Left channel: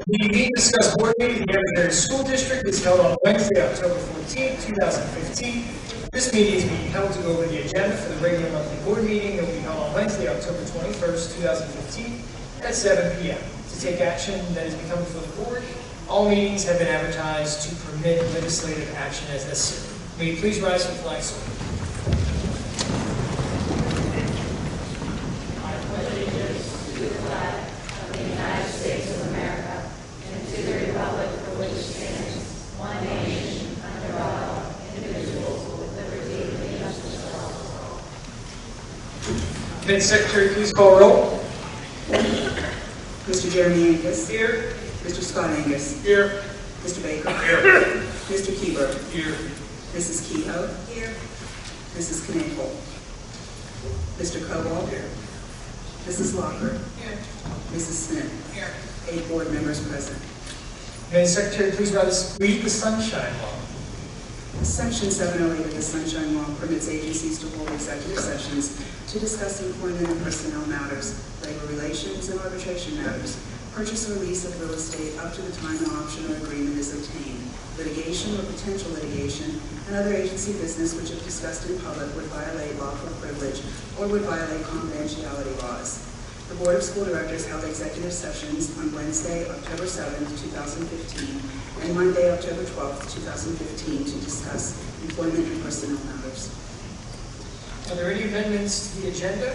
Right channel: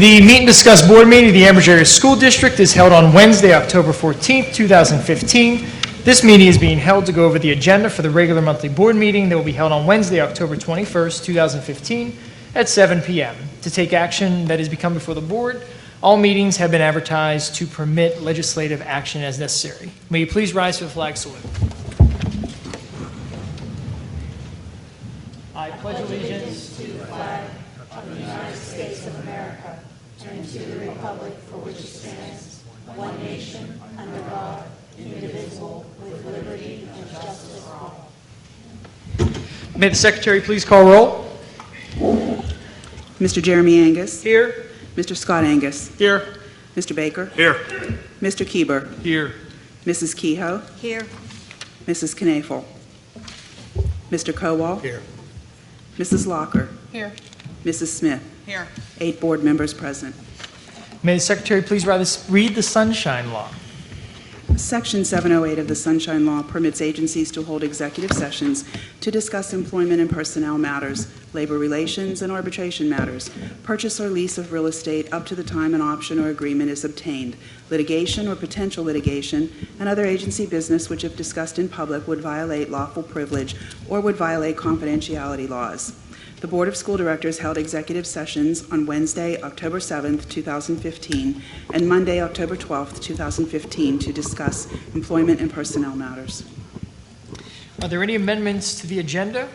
The Meet and Discuss Board meeting of the Ambridge Area School District is held on Wednesday, October 14th, 2015. This meeting is being held to go over the agenda for the regular monthly board meeting that will be held on Wednesday, October 21st, 2015 at 7 p.m. To take action that is become before the board, all meetings have been advertised to permit legislative action as necessary. May you please rise for the flag salute. May the Secretary please call roll. Mr. Jeremy Angus. Here. Mr. Scott Angus. Here. Mr. Baker. Here. Mr. Keeber. Here. Mrs. Kehoe. Here. Mrs. Knaefel. Mr. Kowal. Here. Mrs. Locker. Here. Mrs. Smith. Here. 8 board members present. May the Secretary please read the Sunshine Law. Section 708 of the Sunshine Law permits agencies to hold executive sessions to discuss employment and personnel matters, labor relations, and arbitration matters, purchase or lease of real estate up to the time an option or agreement is obtained, litigation or potential litigation, and other agency business which, if discussed in public, would violate lawful privilege or would violate confidentiality laws. The Board of School Directors held executive sessions on Wednesday, October 7th, 2015, and Monday, October 12th, 2015, to discuss employment and personnel matters. Are there any amendments to the agenda?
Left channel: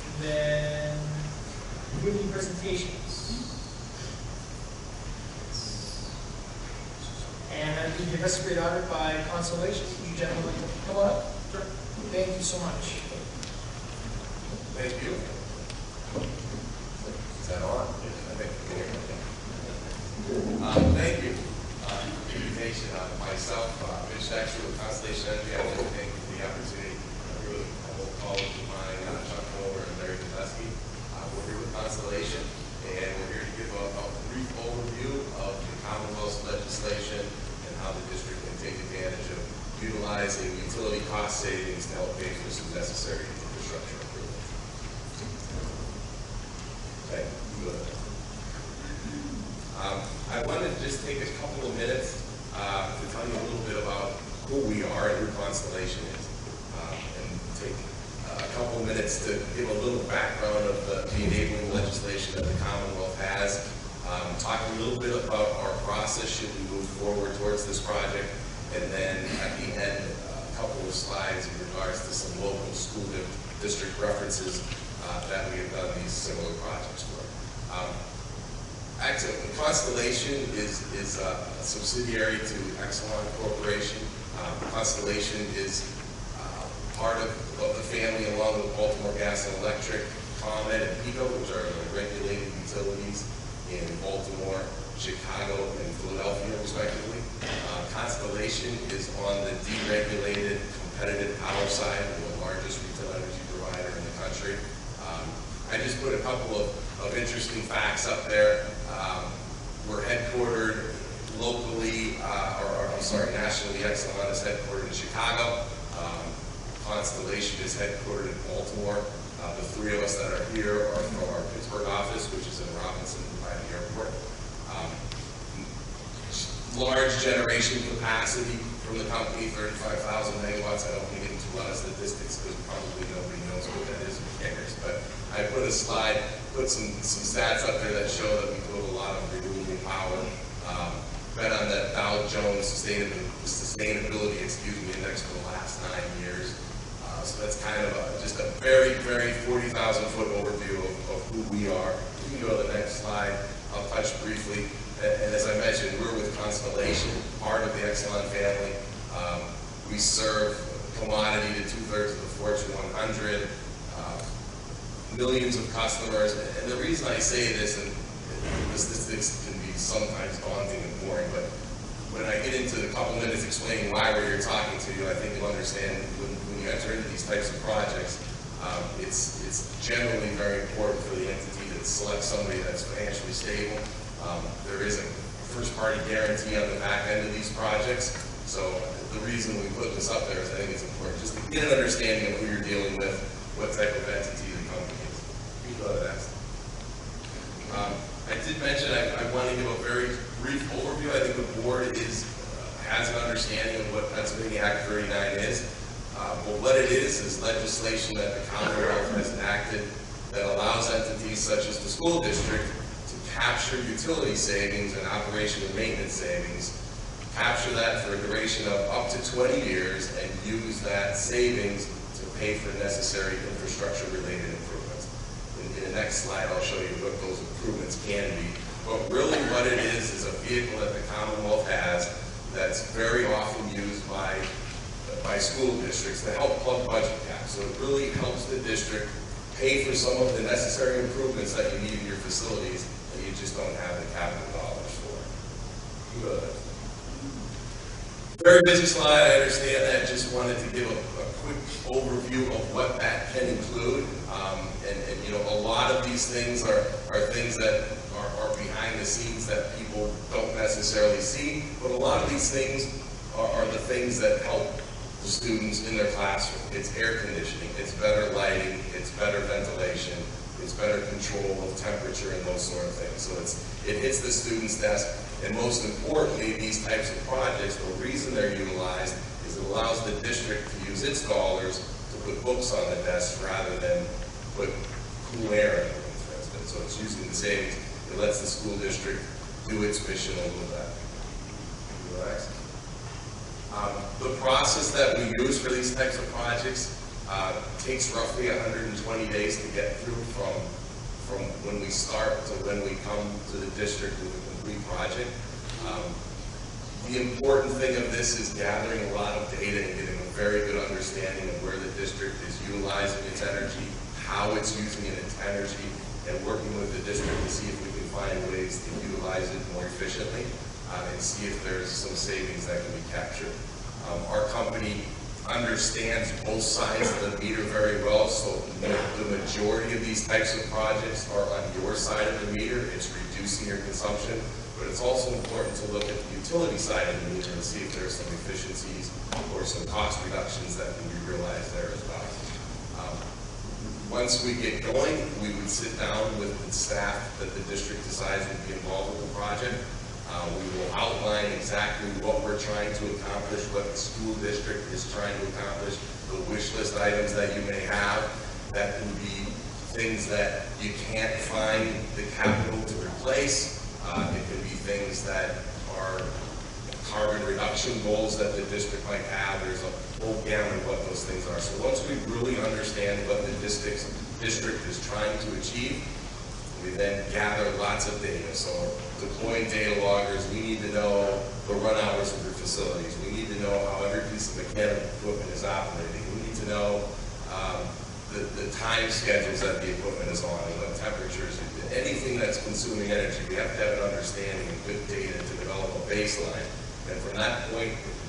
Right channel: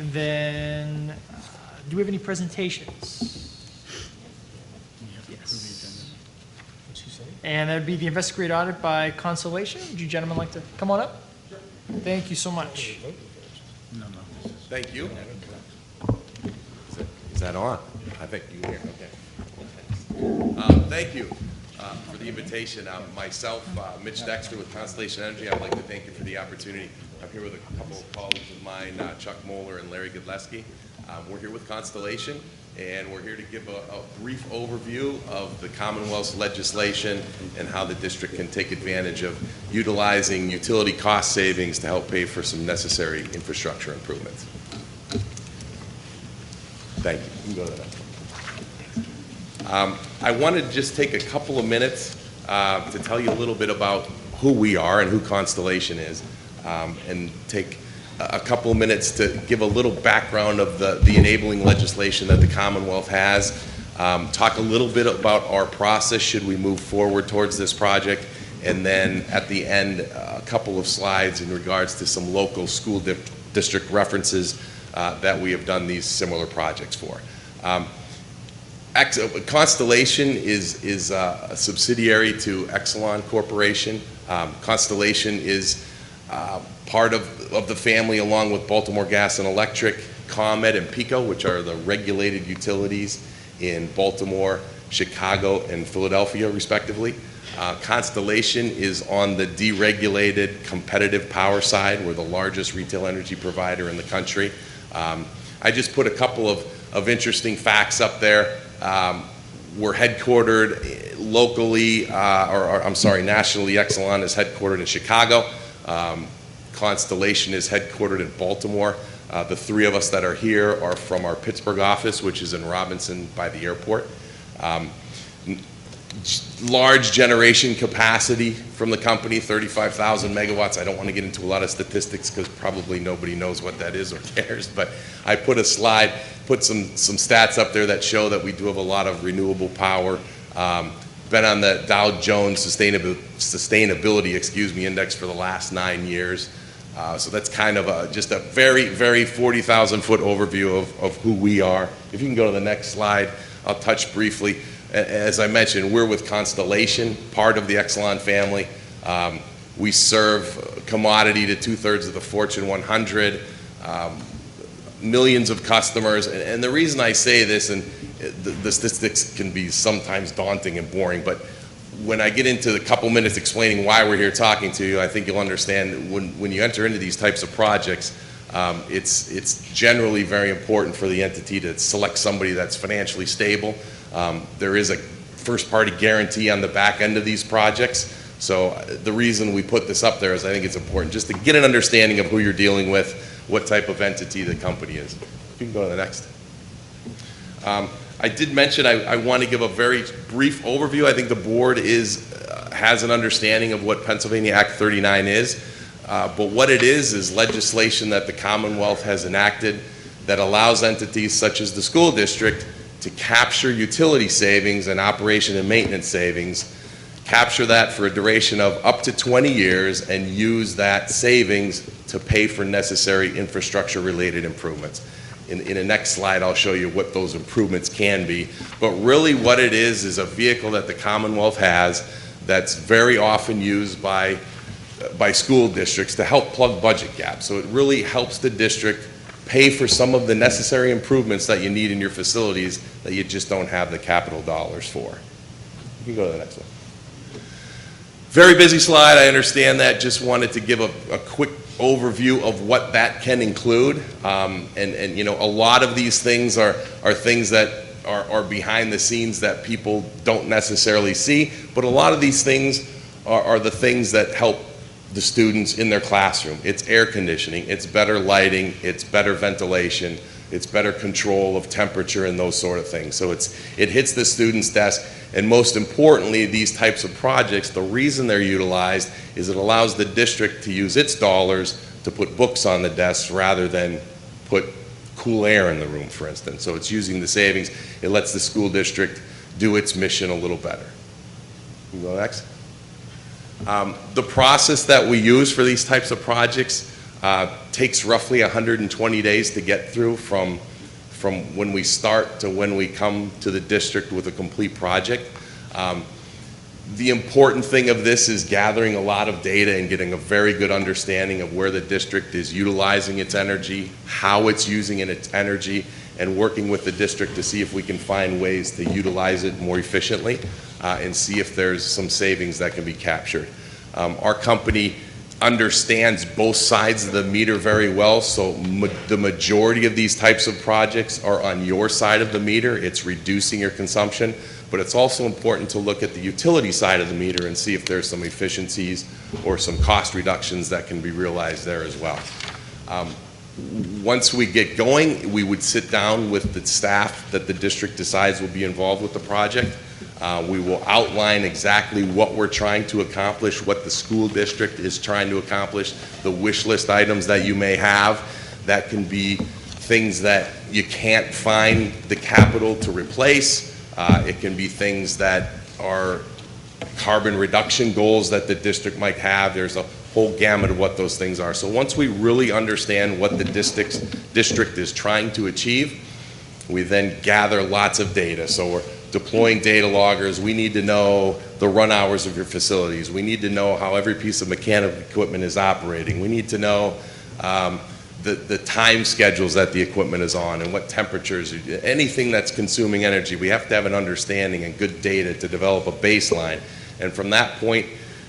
And then, do we have any presentations? Yes. And that would be the investigative audit by Constellation. Would you gentlemen like to come on up? Sure. Thank you so much. Thank you. Is that on? I think. Thank you for the invitation. Myself, Mitch Dexter with Constellation Energy. I'd like to thank you for the opportunity. I'm here with a couple of colleagues of mine, Chuck Moeller and Larry Godleski. We're here with Constellation, and we're here to give a brief overview of the Commonwealth's legislation and how the district can take advantage of utilizing utility cost savings to help pay for some necessary infrastructure improvements. Thank you. You can go to that. I want to just take a couple of minutes to tell you a little bit about who we are and who Constellation is, and take a couple of minutes to give a little background of the enabling legislation that the Commonwealth has, talk a little bit about our process should we move forward towards this project, and then at the end, a couple of slides in regards to some local school district references that we have done these similar projects for. Constellation is a subsidiary to Exelon Corporation. Constellation is part of the family along with Baltimore Gas and Electric, ComEd, and PECO, which are the regulated utilities in Baltimore, Chicago, and Philadelphia, respectively. Constellation is on the deregulated competitive power side. We're the largest retail energy provider in the country. I just put a couple of interesting facts up there. We're headquartered locally, nationally. Exelon is headquartered in Chicago. Constellation is headquartered in Baltimore. The three of us that are here are from our Pittsburgh office, which is in Robinson by the airport. Large generation capacity from the company, 35,000 megawatts. I don't want to get into a lot of statistics because probably nobody knows what that is or cares, but I put a slide, put some stats up there that show that we do have a lot of renewable power. Been on the Dow Jones Sustainability Index for the last 9 years. So that's kind of just a very, very 40,000-foot overview of who we are. If you can go to the next slide, I'll touch briefly. As I mentioned, we're with Constellation, part of the Exelon family. We serve commodity to 2/3 of the Fortune 100, millions of customers. And the reason I say this, and the statistics can be sometimes daunting and boring, but when I get into a couple minutes explaining why we're here talking to you, I think you'll understand when you enter into these types of projects, it's generally very important for the entity to select somebody that's financially stable. There is a first-party guarantee on the back end of these projects. So the reason we put this up there is I think it's important just to get an understanding of who you're dealing with, what type of entity the company is. You can go to the next. I did mention I want to give a very brief overview. I think the board has an understanding of what Pennsylvania Act 39 is, but what it is legislation that the Commonwealth has enacted that allows entities such as the school district to capture utility savings and operation and maintenance savings, capture that for a duration of up to 20 years, and use that savings to pay for necessary infrastructure-related improvements. In the next slide, I'll show you what those improvements can be. But really what it is a vehicle that the Commonwealth has that's very often used by school districts to help plug budget gaps. So it really helps the district pay for some of the necessary improvements that you need in your facilities that you just don't have the capital dollars for. You can go to the next one. Very busy slide, I understand that. Just wanted to give a quick overview of what that can include. And you know, a lot of these things are things that are behind the scenes that people don't necessarily see, but a lot of these things are the things that help the students in their classroom. It's air conditioning, it's better lighting, it's better ventilation, it's better control of temperature and those sort of things. So it hits the student's desk, and most importantly, these types of projects, the reason they're utilized is it allows the district to use its dollars to put books on the desks rather than put cool air in the room, for instance. So it's using the savings. It lets the school district do its mission a little better. Can we go next? The process that we use for these types of projects takes roughly 120 days to get through from when we start to when we come to the district with a complete project. The important thing of this is gathering a lot of data and getting a very good understanding of where the district is utilizing its energy, how it's using its energy, and working with the district to see if we can find ways to utilize it more efficiently and see if there's some savings that can be captured. Our company understands both sides of the meter very well, so the majority of these types of projects are on your side of the meter. It's reducing your consumption, but it's also important to look at the utility side of the meter and see if there's some efficiencies or some cost reductions that can be realized there as well. Once we get going, we would sit down with the staff that the district decides will be involved with the project. We will outline exactly what we're trying to accomplish, what the school district is trying to accomplish, the wish list items that you may have. That can be things that you can't find the capital to replace. It can be things that are carbon reduction goals that the district might have. There's a whole gamut of what those things are. So once we really understand what the district is trying to achieve, we then gather lots of data. So we're deploying data loggers. We need to know the run hours of your facilities. We need to know how every piece of mechanical equipment is operating. We need to know the time schedules that the equipment is on and what temperatures, anything that's consuming energy. We have to have an understanding and good data to develop a baseline. And from that point,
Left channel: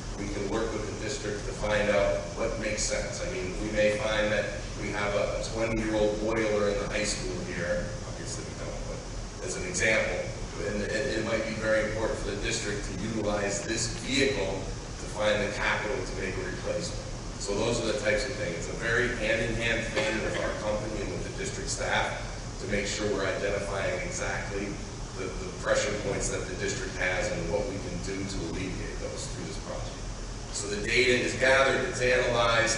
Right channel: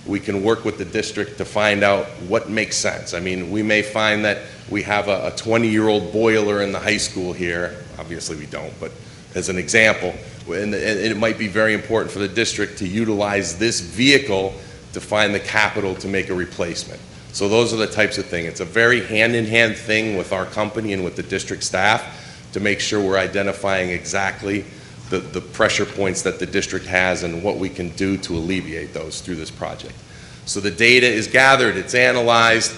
we can work with the district to find out what makes sense. I mean, we may find that we have a 20-year-old boiler in the high school here. Obviously we don't, but as an example, and it might be very important for the district to utilize this vehicle to find the capital to make a replacement. So those are the types of things. It's a very hand-in-hand thing with our company and with the district staff to make sure we're identifying exactly the pressure points that the district has and what we can do to alleviate those through this project. So the data is gathered, it's analyzed.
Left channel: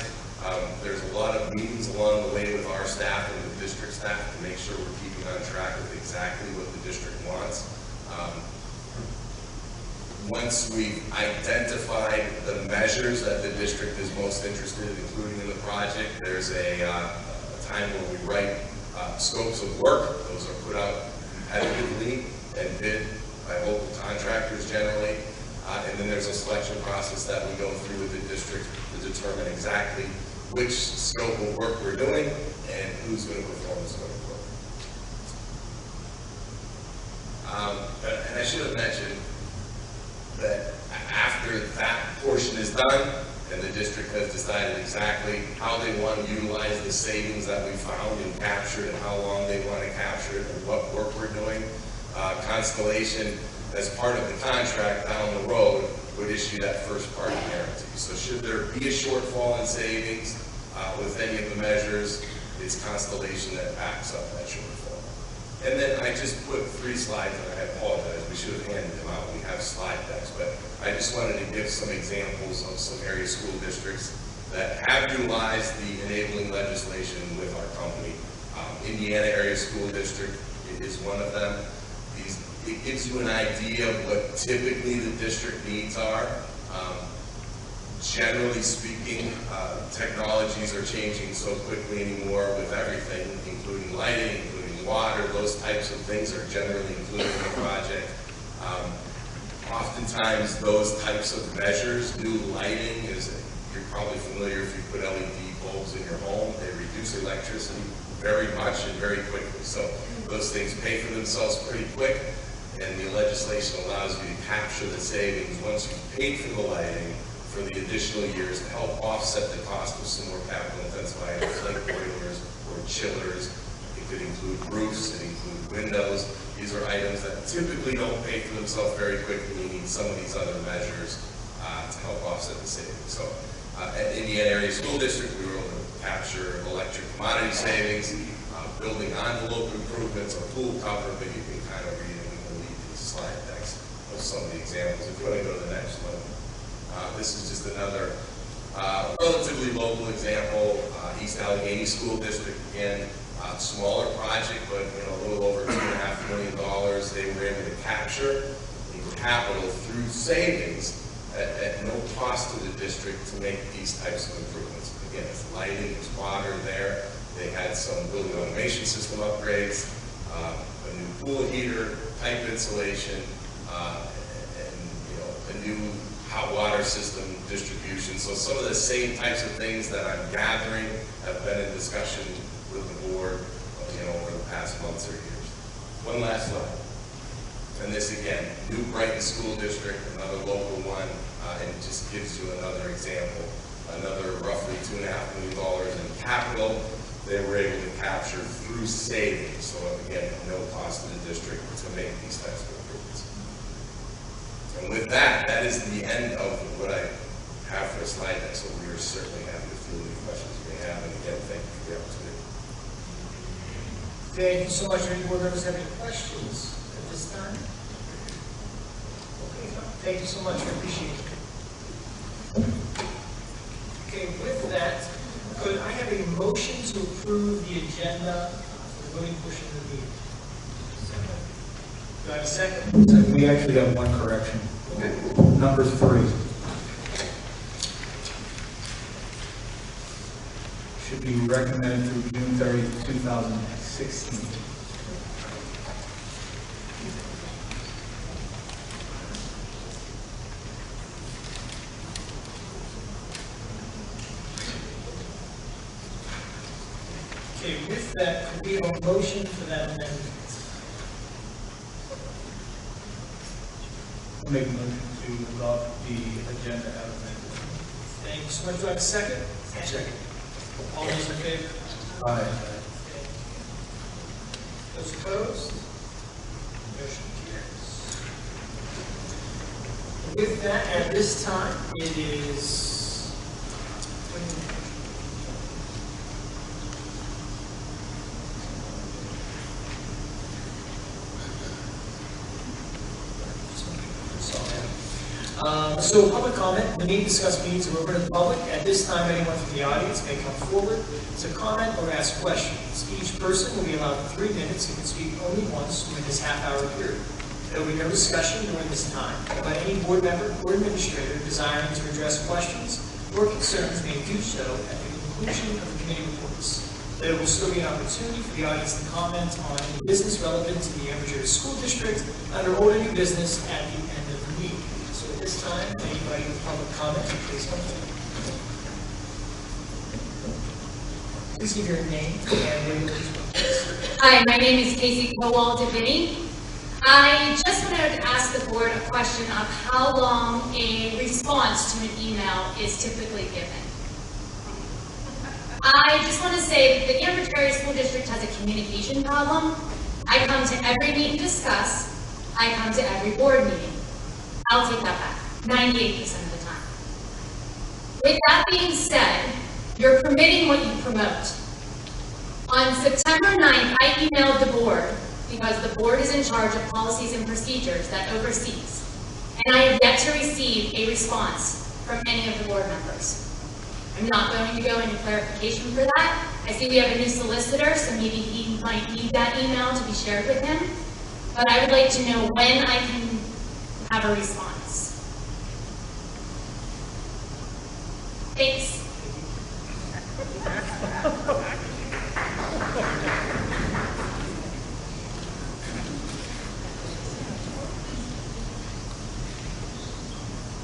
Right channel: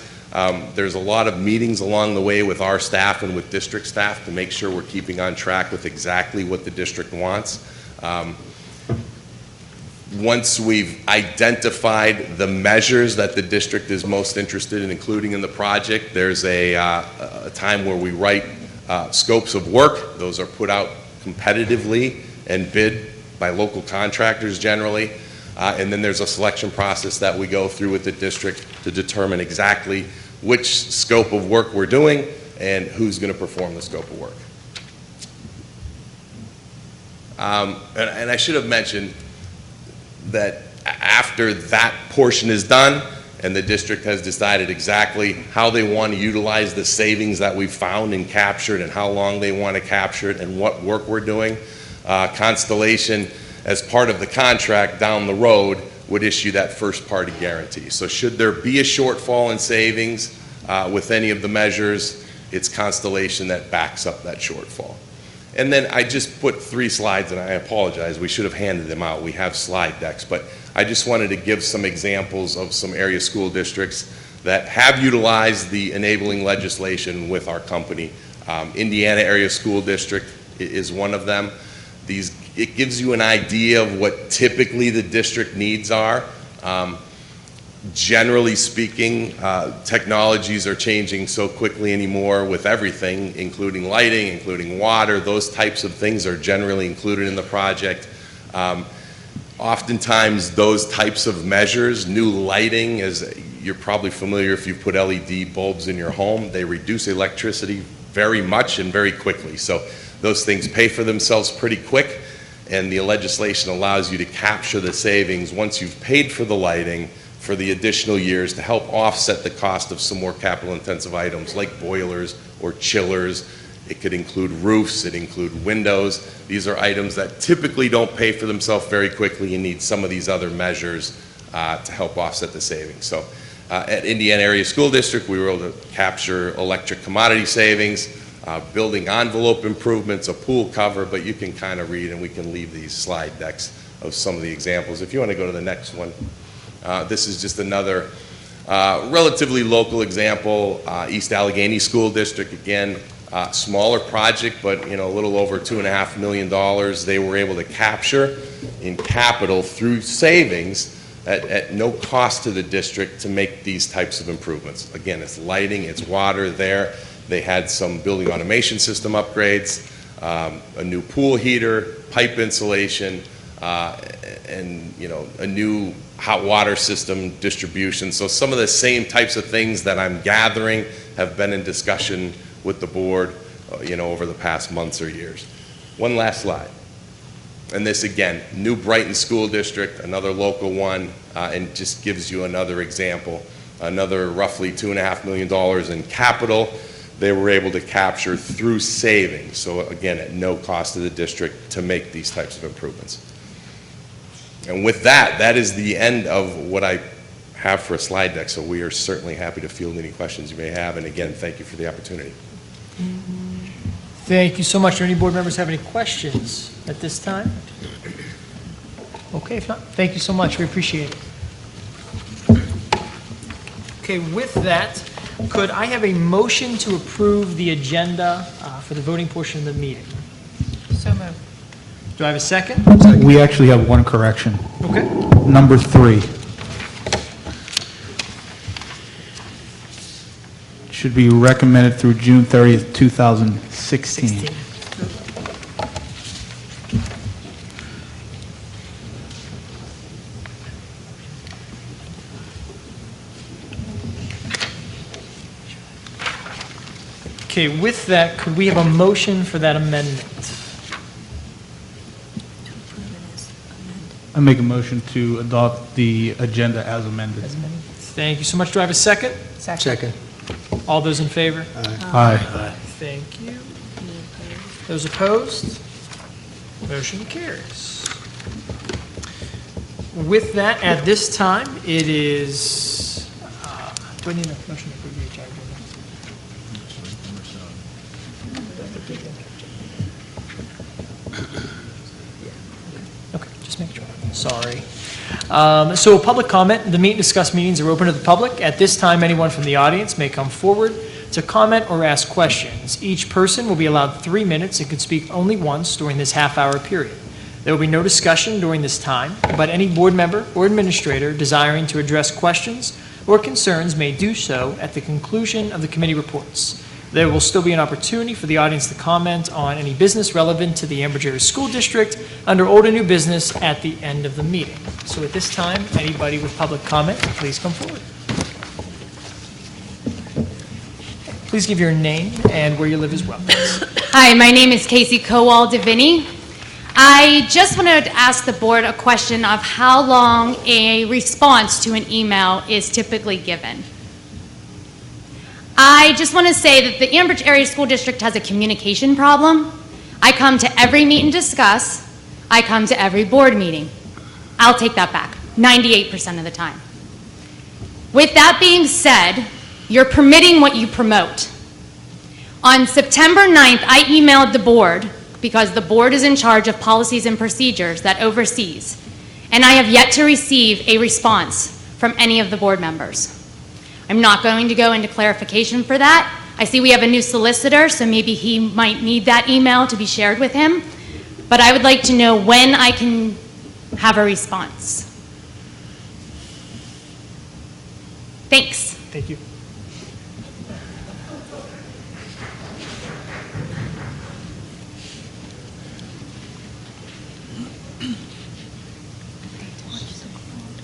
There's a lot of meetings along the way with our staff and with district staff to make sure we're keeping on track with exactly what the district wants. Once we've identified the measures that the district is most interested in including in the project, there's a time where we write scopes of work. Those are put out competitively and bid by local contractors generally. And then there's a selection process that we go through with the district to determine exactly which scope of work we're doing and who's going to perform the scope of work. And I should have mentioned that after that portion is done and the district has decided exactly how they want to utilize the savings that we found and captured and how long they want to capture it and what work we're doing, Constellation, as part of the contract down the road, would issue that first party guarantee. So should there be a shortfall in savings with any of the measures, it's Constellation that backs up that shortfall. And then I just put 3 slides, and I apologize, we should have handed them out. We have slide decks, but I just wanted to give some examples of some area school districts that have utilized the enabling legislation with our company. Indiana Area School District is one of them. It gives you an idea of what typically the district needs are. Generally speaking, technologies are changing so quickly anymore with everything, including lighting, including water. Those types of things are generally included in the project. Oftentimes, those types of measures, new lighting, as you're probably familiar if you put LED bulbs in your home, they reduce electricity very much and very quickly. So those things pay for themselves pretty quick, and the legislation allows you to capture the savings once you've paid for the lighting for the additional years to help offset the cost of some more capital-intensive items like boilers or chillers. It could include roofs, it include windows. These are items that typically don't pay for themselves very quickly. You need some of these other measures to help offset the savings. So at Indiana Area School District, we were able to capture electric commodity savings, building envelope improvements, a pool cover, but you can kind of read, and we can leave these slide decks of some of the examples. If you want to go to the next one. This is just another relatively local example, East Allegheny School District, again, smaller project, but a little over $2.5 million they were able to capture in capital through savings at no cost to the district to make these types of improvements. Again, it's lighting, it's water there. They had some building automation system upgrades, a new pool heater, pipe insulation, and a new hot water system distribution. So some of the same types of things that I'm gathering have been in discussion with the board, over the past months or years. One last slide. And this again, New Brighton School District, another local one, and just gives you another example. Another roughly $2.5 million in capital they were able to capture through savings. So again, at no cost to the district to make these types of improvements. And with that, that is the end of what I have for a slide deck. So we are certainly happy to field any questions you may have. And again, thank you for the opportunity. Thank you so much. Do any board members have any questions at this time? Okay, if not, thank you so much. We appreciate it. Okay, with that, could I have a motion to approve the agenda for the voting portion of the meeting? So moved. Do I have a second? We actually have one correction. Okay. Number 3. Should be recommended through June 30th, 2016. Okay, with that, could we have a motion for that amendment? I make a motion to adopt the agenda as amended. Thank you so much. Do I have a second? Second. All those in favor? Aye. Thank you. Those opposed? Motion carries. With that, at this time, it is, do I need a motion for the HR? Okay, just make sure. Sorry. So public comment, the meet and discuss meetings are open to the public. At this time, anyone from the audience may come forward to comment or ask questions. Each person will be allowed 3 minutes and can speak only once during this half-hour period. There will be no discussion during this time, but any board member or administrator desiring to address questions or concerns may do so at the conclusion of the committee reports. There will still be an opportunity for the audience to comment on any business relevant to the Ambridge Area School District under old and new business at the end of the meeting. So at this time, anybody with public comment, please come forward. Please give your name and where you live as well. Hi, my name is Casey Kowal-Devini. I just wanted to ask the board a question of how long a response to an email is typically given. I just want to say that the Ambridge Area School District has a communication problem. I come to every meet and discuss. I come to every board meeting. I'll take that back, 98% of the time. With that being said, you're permitting what you promote. On September 9th, I emailed the board because the board is in charge of policies and procedures that oversees, and I have yet to receive a response from any of the board members. I'm not going to go into clarification for that. I see we have a new solicitor, so maybe he might need that email to be shared with him, but I would like to know when I can have a response. Thanks. Thank you.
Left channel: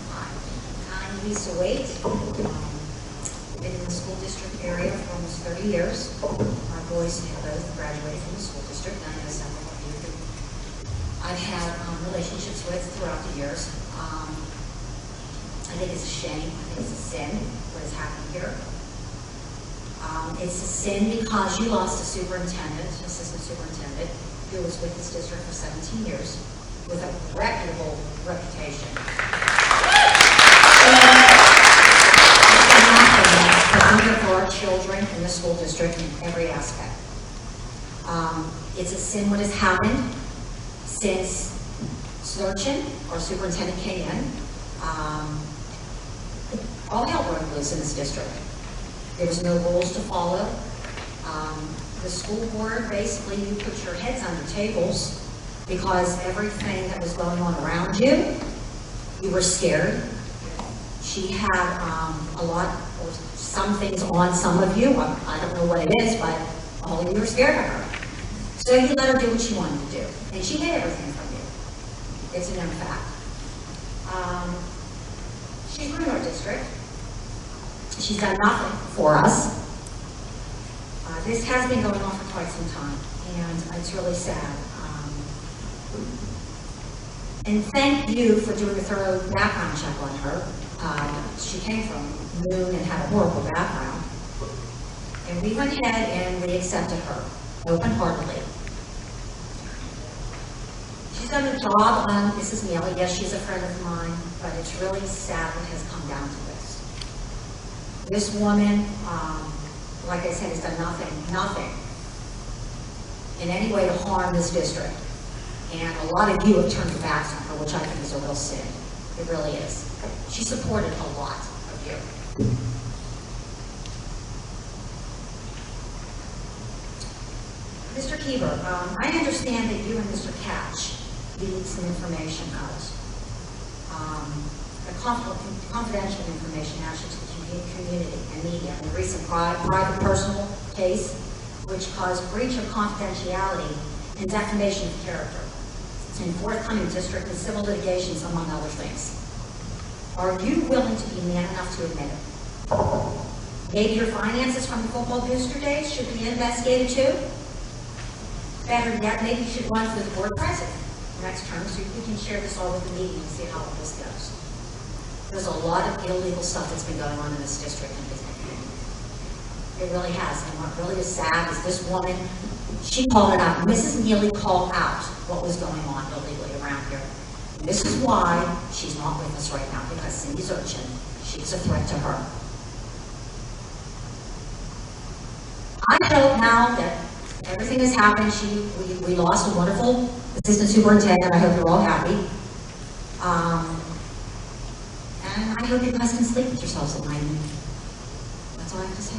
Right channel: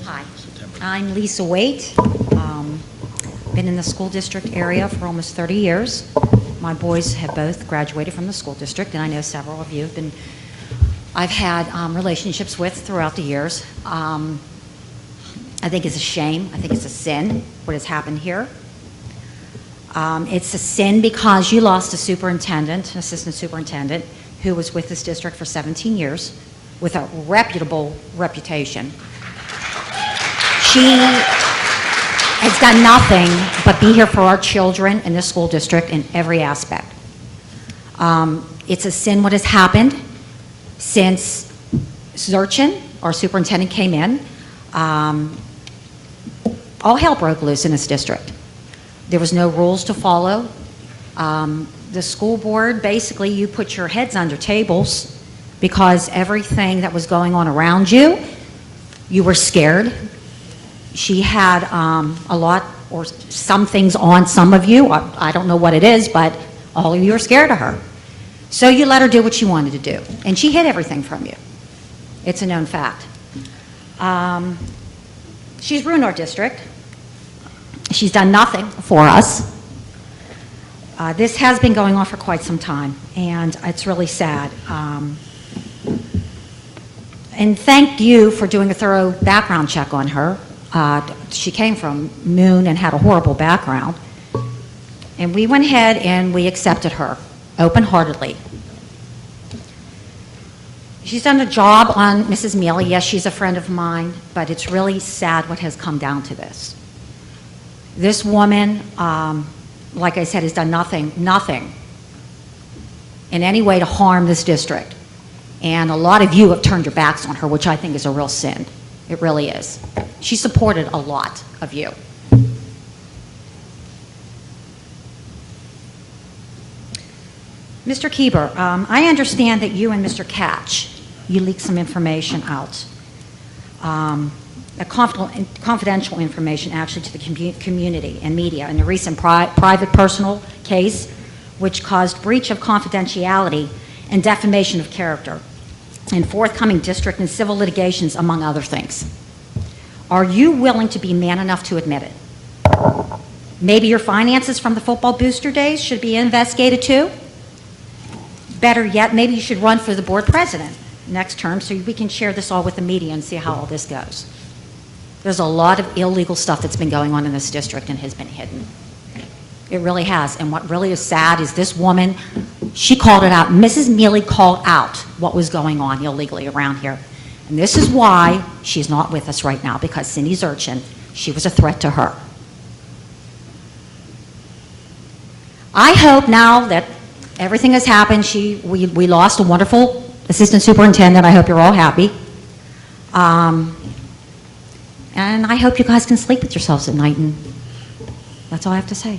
Hi, I'm Lisa Waite. Been in the school district area for almost 30 years. My boys have both graduated from the school district, and I know several of you I've had relationships with throughout the years. I think it's a shame. I think it's a sin, what has happened here. It's a sin because you lost a superintendent, an assistant superintendent, who was with this district for 17 years with a reputable reputation. She has done nothing but be here for our children in this school district in every aspect. It's a sin what has happened since Zurchin, our superintendent, came in. All hell broke loose in this district. There was no rules to follow. The school board, basically, you put your heads under tables because everything that was going on around you, you were scared. She had a lot, or some things on some of you. I don't know what it is, but all of you are scared of her. So you let her do what she wanted to do. And she hid everything from you. It's a known fact. She's ruined our district. She's done nothing for us. This has been going on for quite some time, and it's really sad. And thank you for doing a thorough background check on her. She came from Moon and had a horrible background. And we went ahead and we accepted her, open-heartedly. She's done a job on Mrs. Mealy. Yes, she's a friend of mine, but it's really sad what has come down to this. This woman, like I said, has done nothing in any way to harm this district. And a lot of you have turned your backs on her, which I think is a real sin. It really is. She supported a lot of you. Mr. Kieber, I understand that you and Mr. Catch, you leaked some information out. Confidential information actually to the community and media in a recent private personal case which caused breach of confidentiality and defamation of character in forthcoming district and civil litigations, among other things. Are you willing to be man enough to admit it? Maybe your finances from the football booster days should be investigated too? Better yet, maybe you should run for the board president next term so we can share this all with the media and see how all this goes. There's a lot of illegal stuff that's been going on in this district and has been hidden. It really has. And what really is sad is this woman, she called it out. Mrs. Mealy called out what was going on illegally around here. And this is why she's not with us right now, because Cindy Zurchin, she was a threat to her. I hope now that everything has happened, we lost a wonderful assistant superintendent. I hope you're all happy. And I hope you guys can sleep with yourselves at night, and that's all I have to say.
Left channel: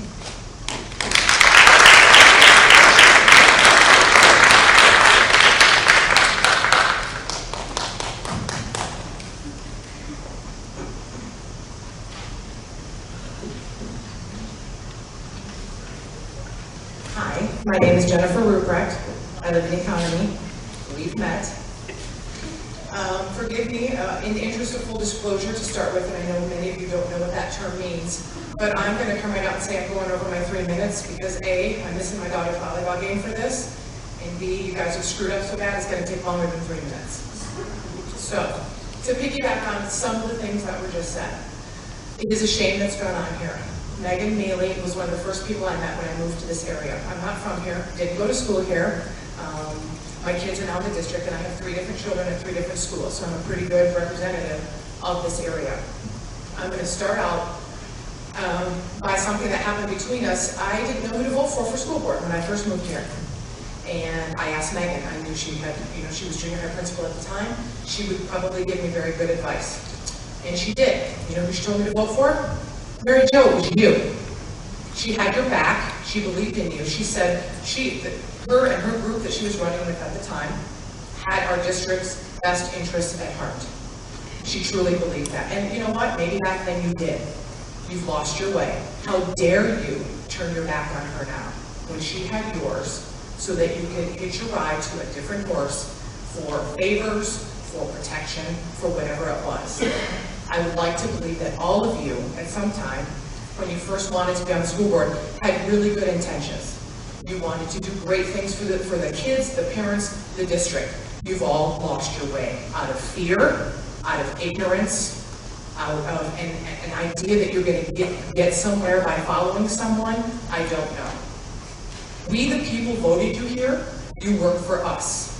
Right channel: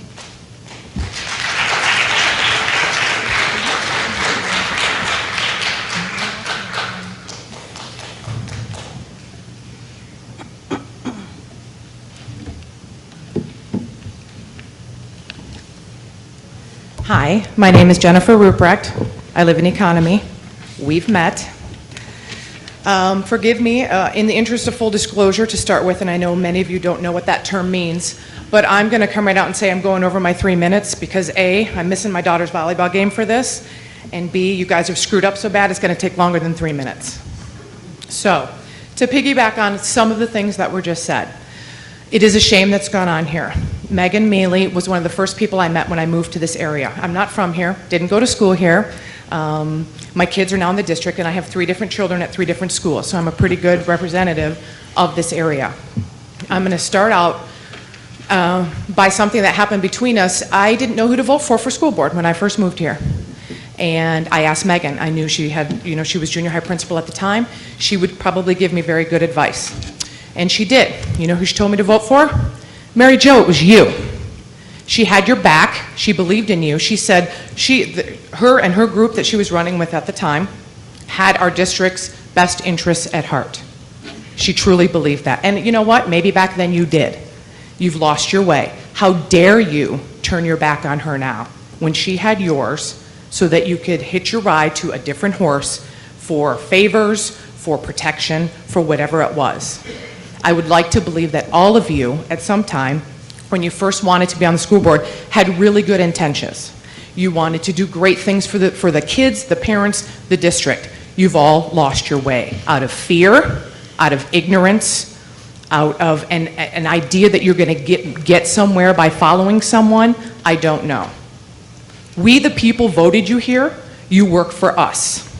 Hi, my name is Jennifer Ruprecht. I live in Economy. We've met. Forgive me, in the interest of full disclosure to start with, and I know many of you don't know what that term means, but I'm going to come right out and say I'm going over my 3 minutes because A, I'm missing my daughter's volleyball game for this, and B, you guys have screwed up so bad it's going to take longer than 3 minutes. So, to piggyback on some of the things that were just said, it is a shame that's gone on here. Megan Mealy was one of the first people I met when I moved to this area. I'm not from here, didn't go to school here. My kids are now in the district, and I have 3 different children at 3 different schools, so I'm a pretty good representative of this area. I'm going to start out by something that happened between us. I didn't know who to vote for school board when I first moved here. And I asked Megan, I knew she had, she was junior high principal at the time, she would probably give me very good advice. And she did. You know who she told me to vote for? Mary Jo, it was you. She had your back, she believed in you. She said her and her group that she was running with at the time had our district's best interests at heart. She truly believed that. And you know what? Maybe back then you did. You've lost your way. How dare you turn your back on her now when she had yours so that you could hitch your ride to a different horse for favors, for protection, for whatever it was. I would like to believe that all of you, at some time, when you first wanted to be on the school board, had really good intentions. You wanted to do great things for the kids, the parents, the district. You've all lost your way out of fear, out of ignorance, out of an idea that you're going to get somewhere by following someone. I don't know. We, the people, voted you here. You work for us.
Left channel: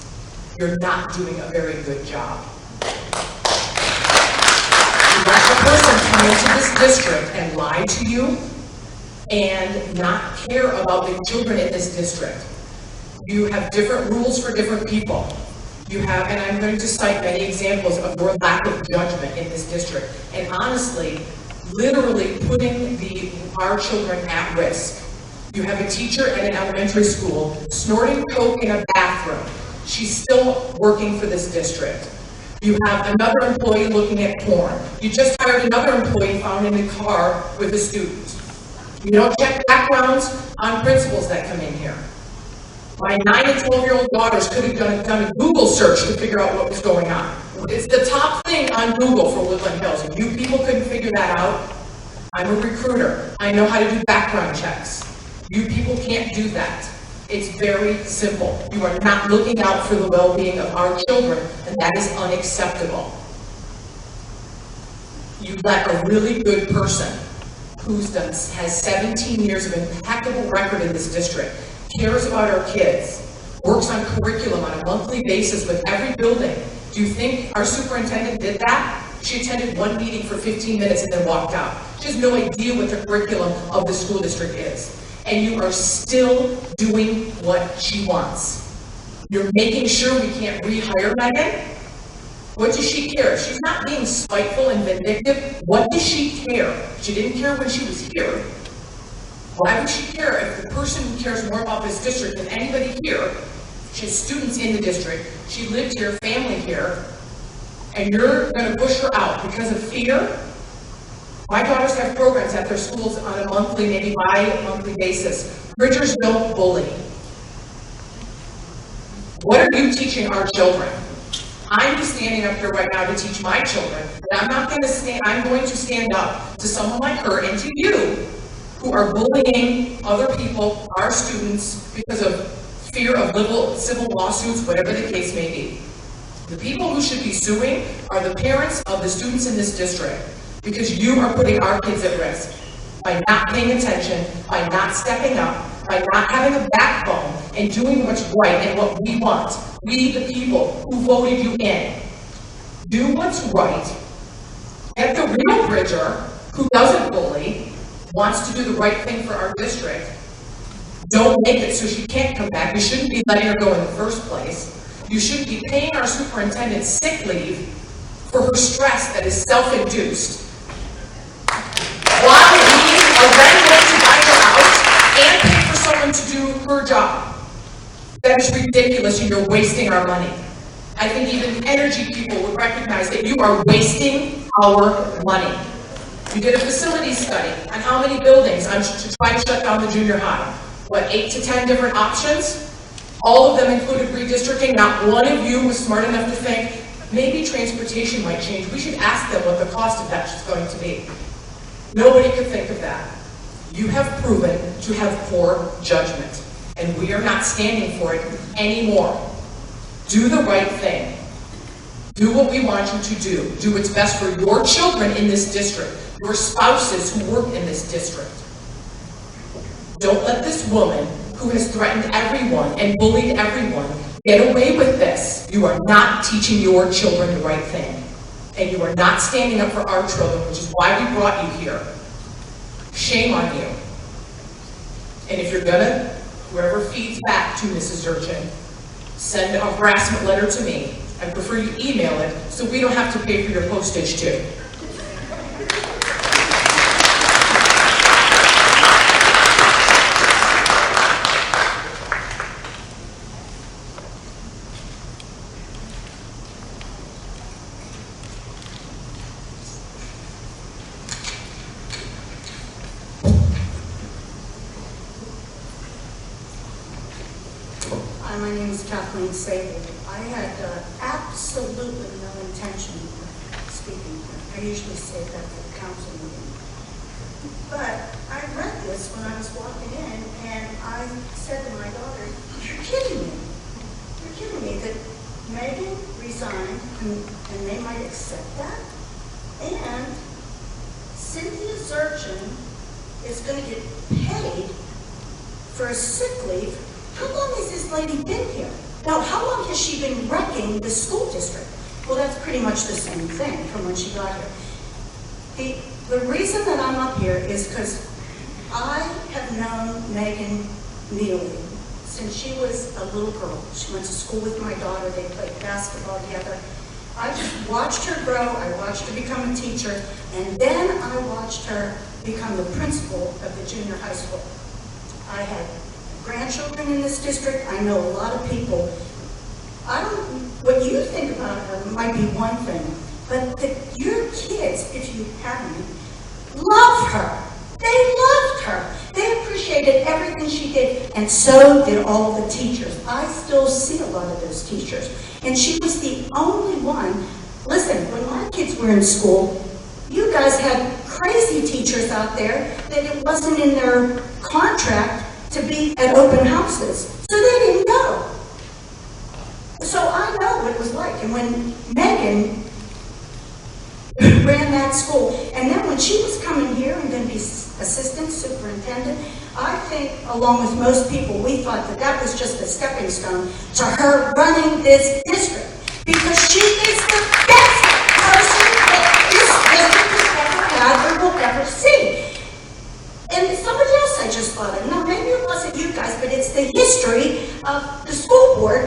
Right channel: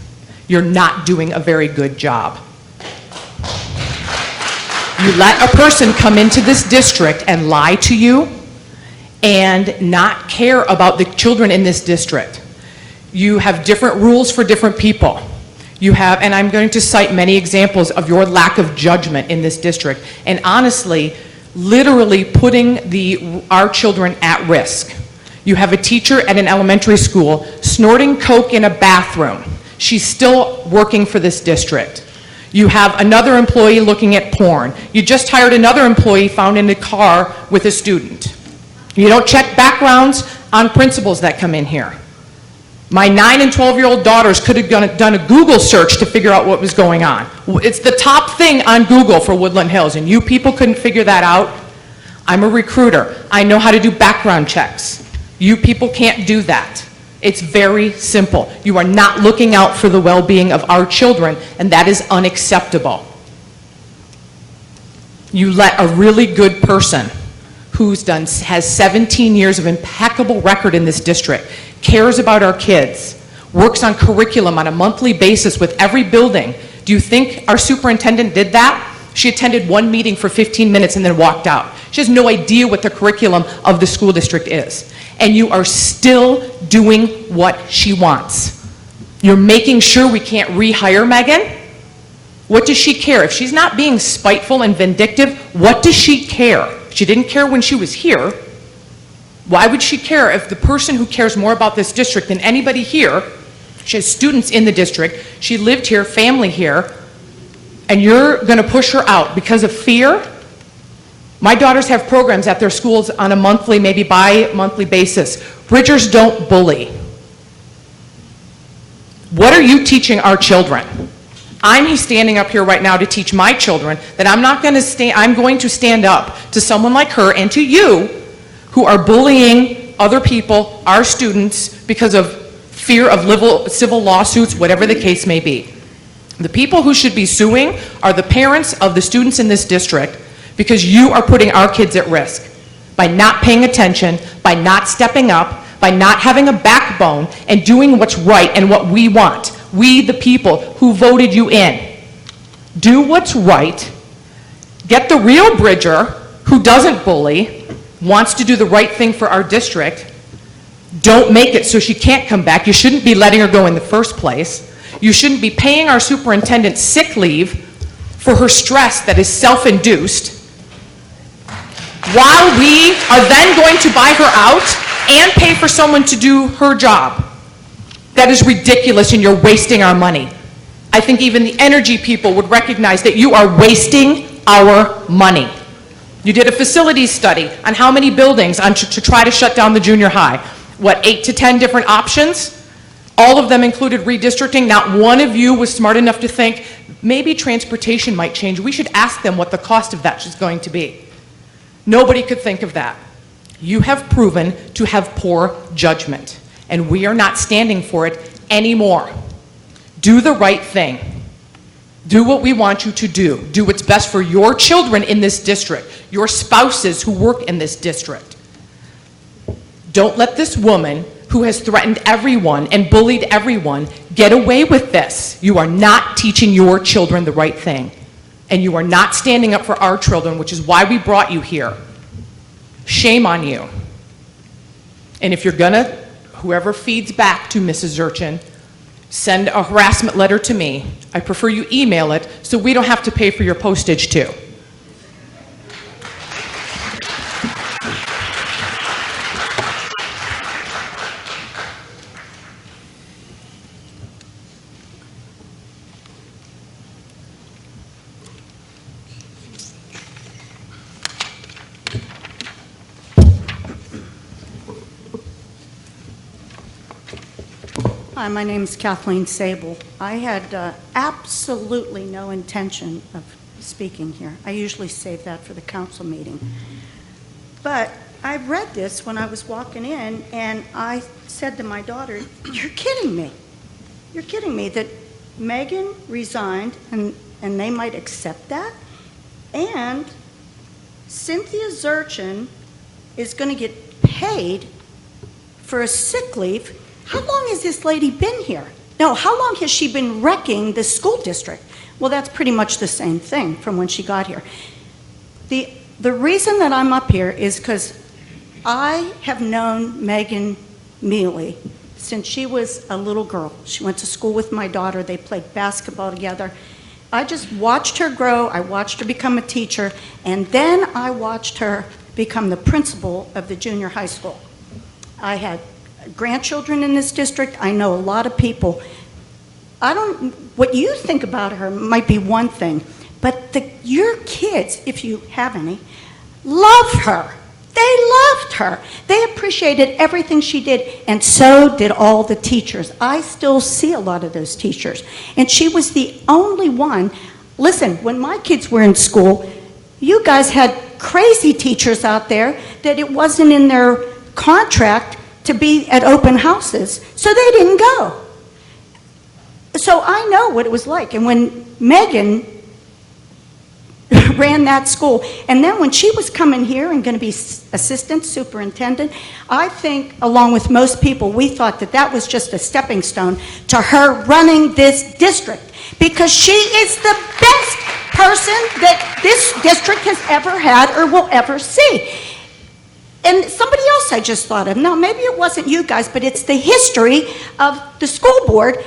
You're not doing a very good job. You let a person come into this district and lie to you and not care about the children in this district. You have different rules for different people. You have, and I'm going to cite many examples of your lack of judgment in this district, and honestly, literally putting our children at risk. You have a teacher at an elementary school snorting coke in a bathroom. She's still working for this district. You have another employee looking at porn. You just hired another employee found in a car with a student. You don't check backgrounds on principals that come in here. My 9 and 12-year-old daughters could have done a Google search to figure out what was going on. It's the top thing on Google for Woodland Hills, and you people couldn't figure that out. I'm a recruiter. I know how to do background checks. You people can't do that. It's very simple. You are not looking out for the well-being of our children, and that is unacceptable. You let a really good person has 17 years of impeccable record in this district, cares about our kids, works on curriculum on a monthly basis with every building. Do you think our superintendent did that? She attended one meeting for 15 minutes and then walked out. She has no idea what the curriculum of the school district is. And you are still doing what she wants. You're making sure we can't rehire Megan? What does she care? If she's not being spiteful and vindictive, what does she care? She didn't care when she was here. Why would she care if the person who cares more about this district than anybody here, she has students in the district, she lived here, family here, and you're going to push her out because of fear? My daughters have programs at their schools on a monthly, maybe bi-monthly basis. Bridgers don't bully. What are you teaching our children? I'm standing up here right now to teach my children that I'm going to stand up to someone like her and to you who are bullying other people, our students, because of fear of civil lawsuits, whatever the case may be. The people who should be suing are the parents of the students in this district, because you are putting our kids at risk by not paying attention, by not stepping up, by not having a backbone and doing what's right and what we want. We, the people who voted you in. Do what's right. Get the real Bridger, who doesn't bully, wants to do the right thing for our district. Don't make it so she can't come back. You shouldn't be letting her go in the first place. You shouldn't be paying our superintendent sick leave for her stress that is self-induced, while we are then going to buy her out and pay for someone to do her job. That is ridiculous, and you're wasting our money. I think even the energy people would recognize that you are wasting our money. You did a facilities study on how many buildings to try to shut down the junior high. What, 8 to 10 different options? All of them included redistricting. Not one of you was smart enough to think, maybe transportation might change. We should ask them what the cost of that is going to be. Nobody could think of that. You have proven to have poor judgment, and we are not standing for it anymore. Do the right thing. Do what we want you to do. Do what's best for your children in this district, your spouses who work in this district. Don't let this woman who has threatened everyone and bullied everyone get away with this. You are not teaching your children the right thing. And you are not standing up for our children, which is why we brought you here. Shame on you. And if you're gonna, whoever feeds back to Mrs. Zurchin, send a harassment letter to me. I prefer you email it so we don't have to pay for your postage too. Hi, my name is Kathleen Sable. I had absolutely no intention of speaking here. I usually save that for the council meeting. But I read this when I was walking in, and I said to my daughter, "You're kidding me. You're kidding me that Megan resigned, and they might accept that? And Cynthia Zurchin is going to get paid for a sick leave. How long has this lady been here? No, how long has she been wrecking this school district?" Well, that's pretty much the same thing from when she got here. The reason that I'm up here is because I have known Megan Mealy since she was a little girl. She went to school with my daughter. They played basketball together. I just watched her grow. I watched her become a teacher, and then I watched her become the principal of the junior high school. I had grandchildren in this district. I know a lot of people. What you think about her might be one thing, but your kids, if you have any, love her. They loved her. They appreciated everything she did, and so did all the teachers. I still see a lot of those teachers, and she was the only one. Listen, when my kids were in school, you guys had crazy teachers out there that it wasn't in their contract to be at open houses, so they didn't go. So I know what it was like. And when Megan ran that school, and then when she was coming here and going to be assistant superintendent, I think, along with most people, we thought that that was just a stepping stone to her running this district, because she is the best person that this district has ever had or will ever see. And somebody else I just thought of, now maybe it wasn't you guys, but it's the history of the school board.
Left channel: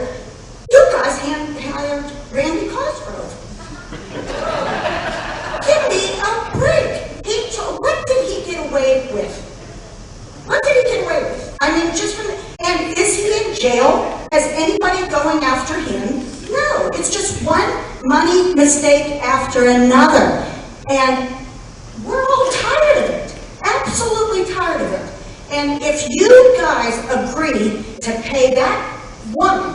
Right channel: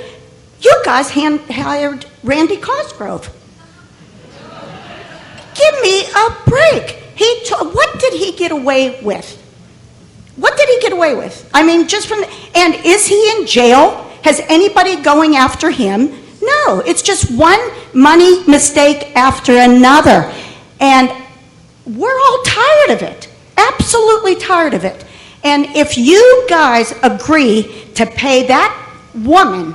You guys hired Randy Cosgrove. Give me a break. What did he get away with? What did he get away with? I mean, and is he in jail? Has anybody going after him? No, it's just one money mistake after another. And we're all tired of it. Absolutely tired of it. And if you guys agree to pay that woman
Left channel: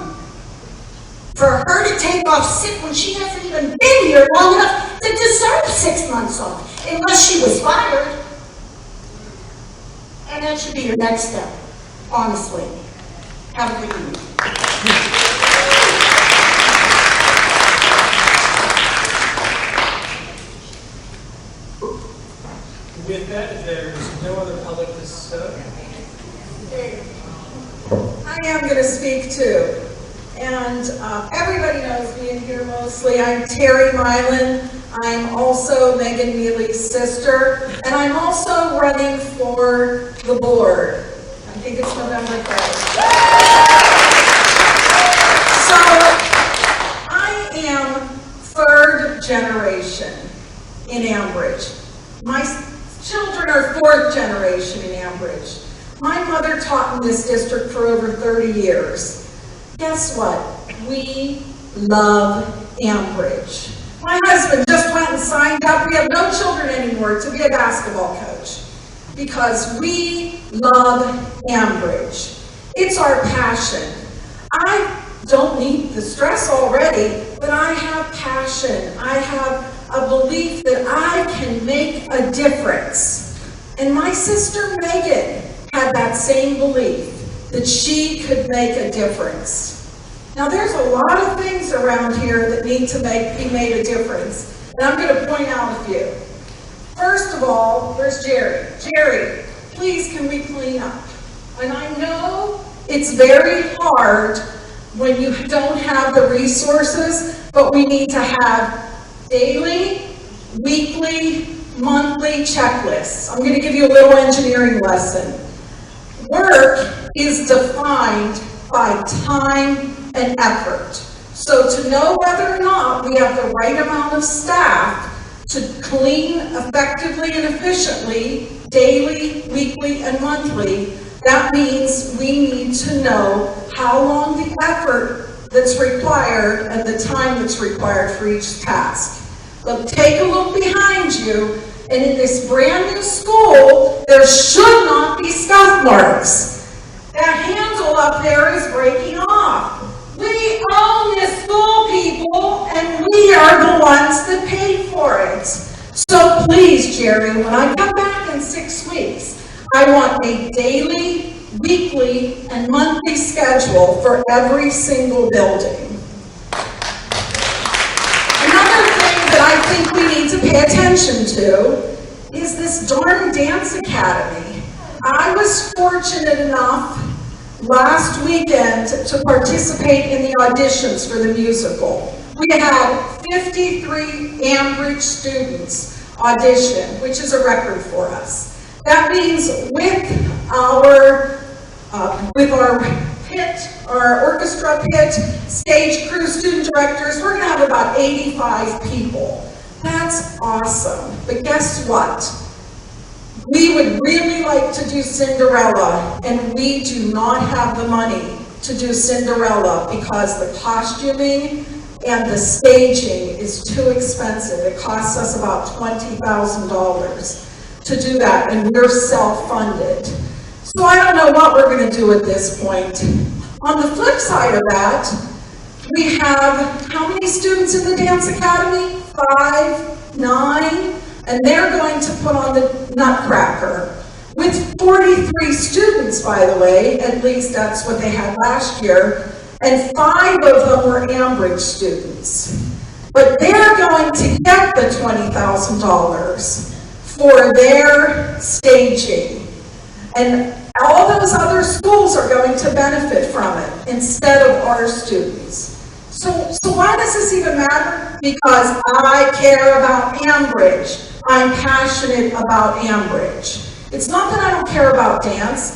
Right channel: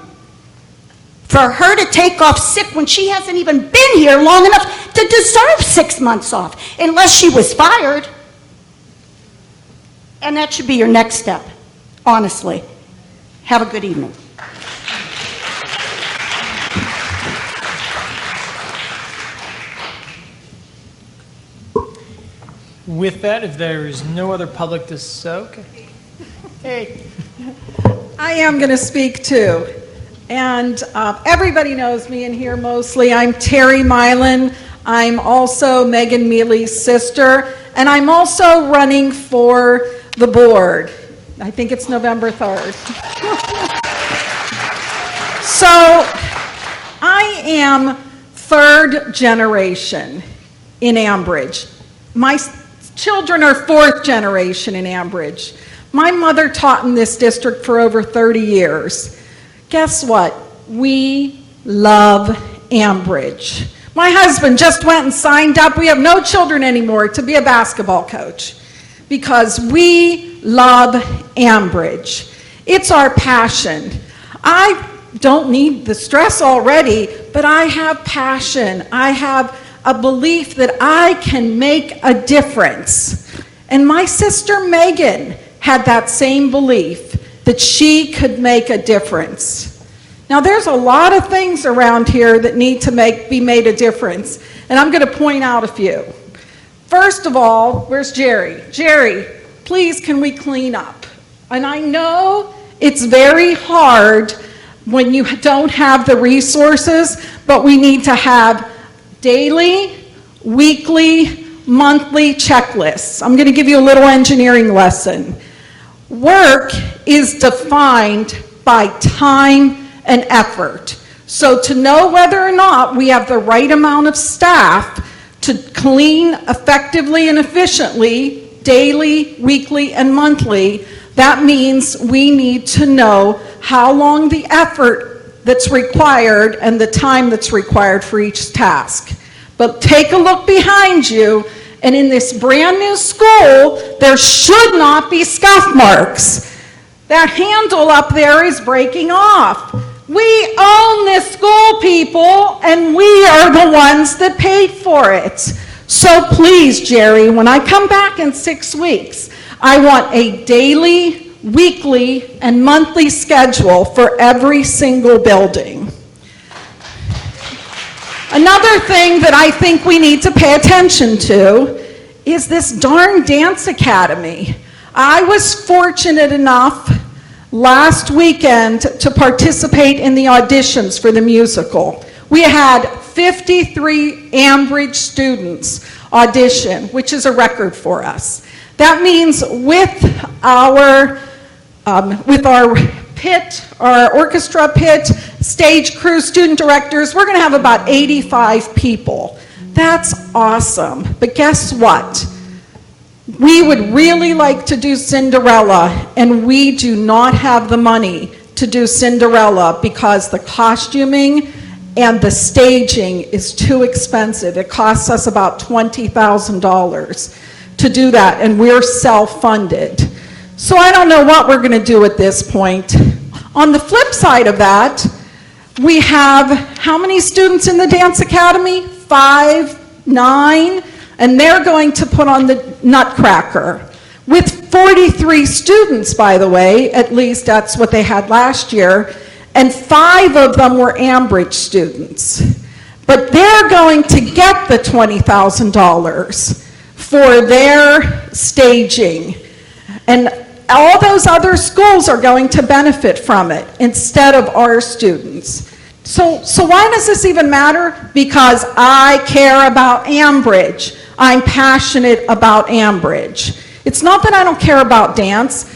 for her to take off sick when she hasn't even been here long enough to deserve 6 months off, unless she was fired, and that should be your next step, honestly. Have a good evening. With that, if there is no other public hey. I am going to speak too. And everybody knows me in here mostly. I'm Terry Milan. I'm also Megan Mealy's sister. And I'm also running for the board. I think it's November 3rd. So I am third generation in Ambridge. My children are fourth generation in Ambridge. My mother taught in this district for over 30 years. Guess what? We love Ambridge. My husband just went and signed up. We have no children anymore to be a basketball coach because we love Ambridge. It's our passion. I don't need the stress already, but I have passion. I have a belief that I can make a difference. And my sister Megan had that same belief that she could make a difference. Now there's a lot of things around here that need to be made a difference, and I'm going to point out a few. First of all, where's Jerry? Jerry, please can we clean up? And I know it's very hard when you don't have the resources, but we need to have daily, weekly, monthly checklists. I'm going to give you a little engineering lesson. Work is defined by time and effort. So to know whether or not we have the right amount of staff to clean effectively and efficiently, daily, weekly, and monthly, that means we need to know how long the effort that's required and the time that's required for each task. But take a look behind you, and in this brand new school, there should not be scuff marks. That handle up there is breaking off. We own this school, people, and we are the ones that paid for it. So please, Jerry, when I come back in 6 weeks, I want a daily, weekly, and monthly schedule for every single building. Another thing that I think we need to pay attention to is this darn dance academy. I was fortunate enough last weekend to participate in the auditions for the musical. We had 53 Ambridge students audition, which is a record for us. That means with our pit, our orchestra pit, stage crew, student directors, we're going to have about 85 people. That's awesome. But guess what? We would really like to do Cinderella, and we do not have the money to do Cinderella because the costuming and the staging is too expensive. It costs us about $20,000 to do that, and we're self-funded. So I don't know what we're going to do at this point. On the flip side of that, we have how many students in the Dance Academy? 5, 9? And they're going to put on the Nutcracker. With 43 students, by the way, at least that's what they had last year, and 5 of them were Ambridge students. But they're going to get the $20,000 for their staging. And all those other schools are going to benefit from it instead of our students. So why does this even matter? Because I care about Ambridge. I'm passionate about Ambridge. It's not that I don't care about dance.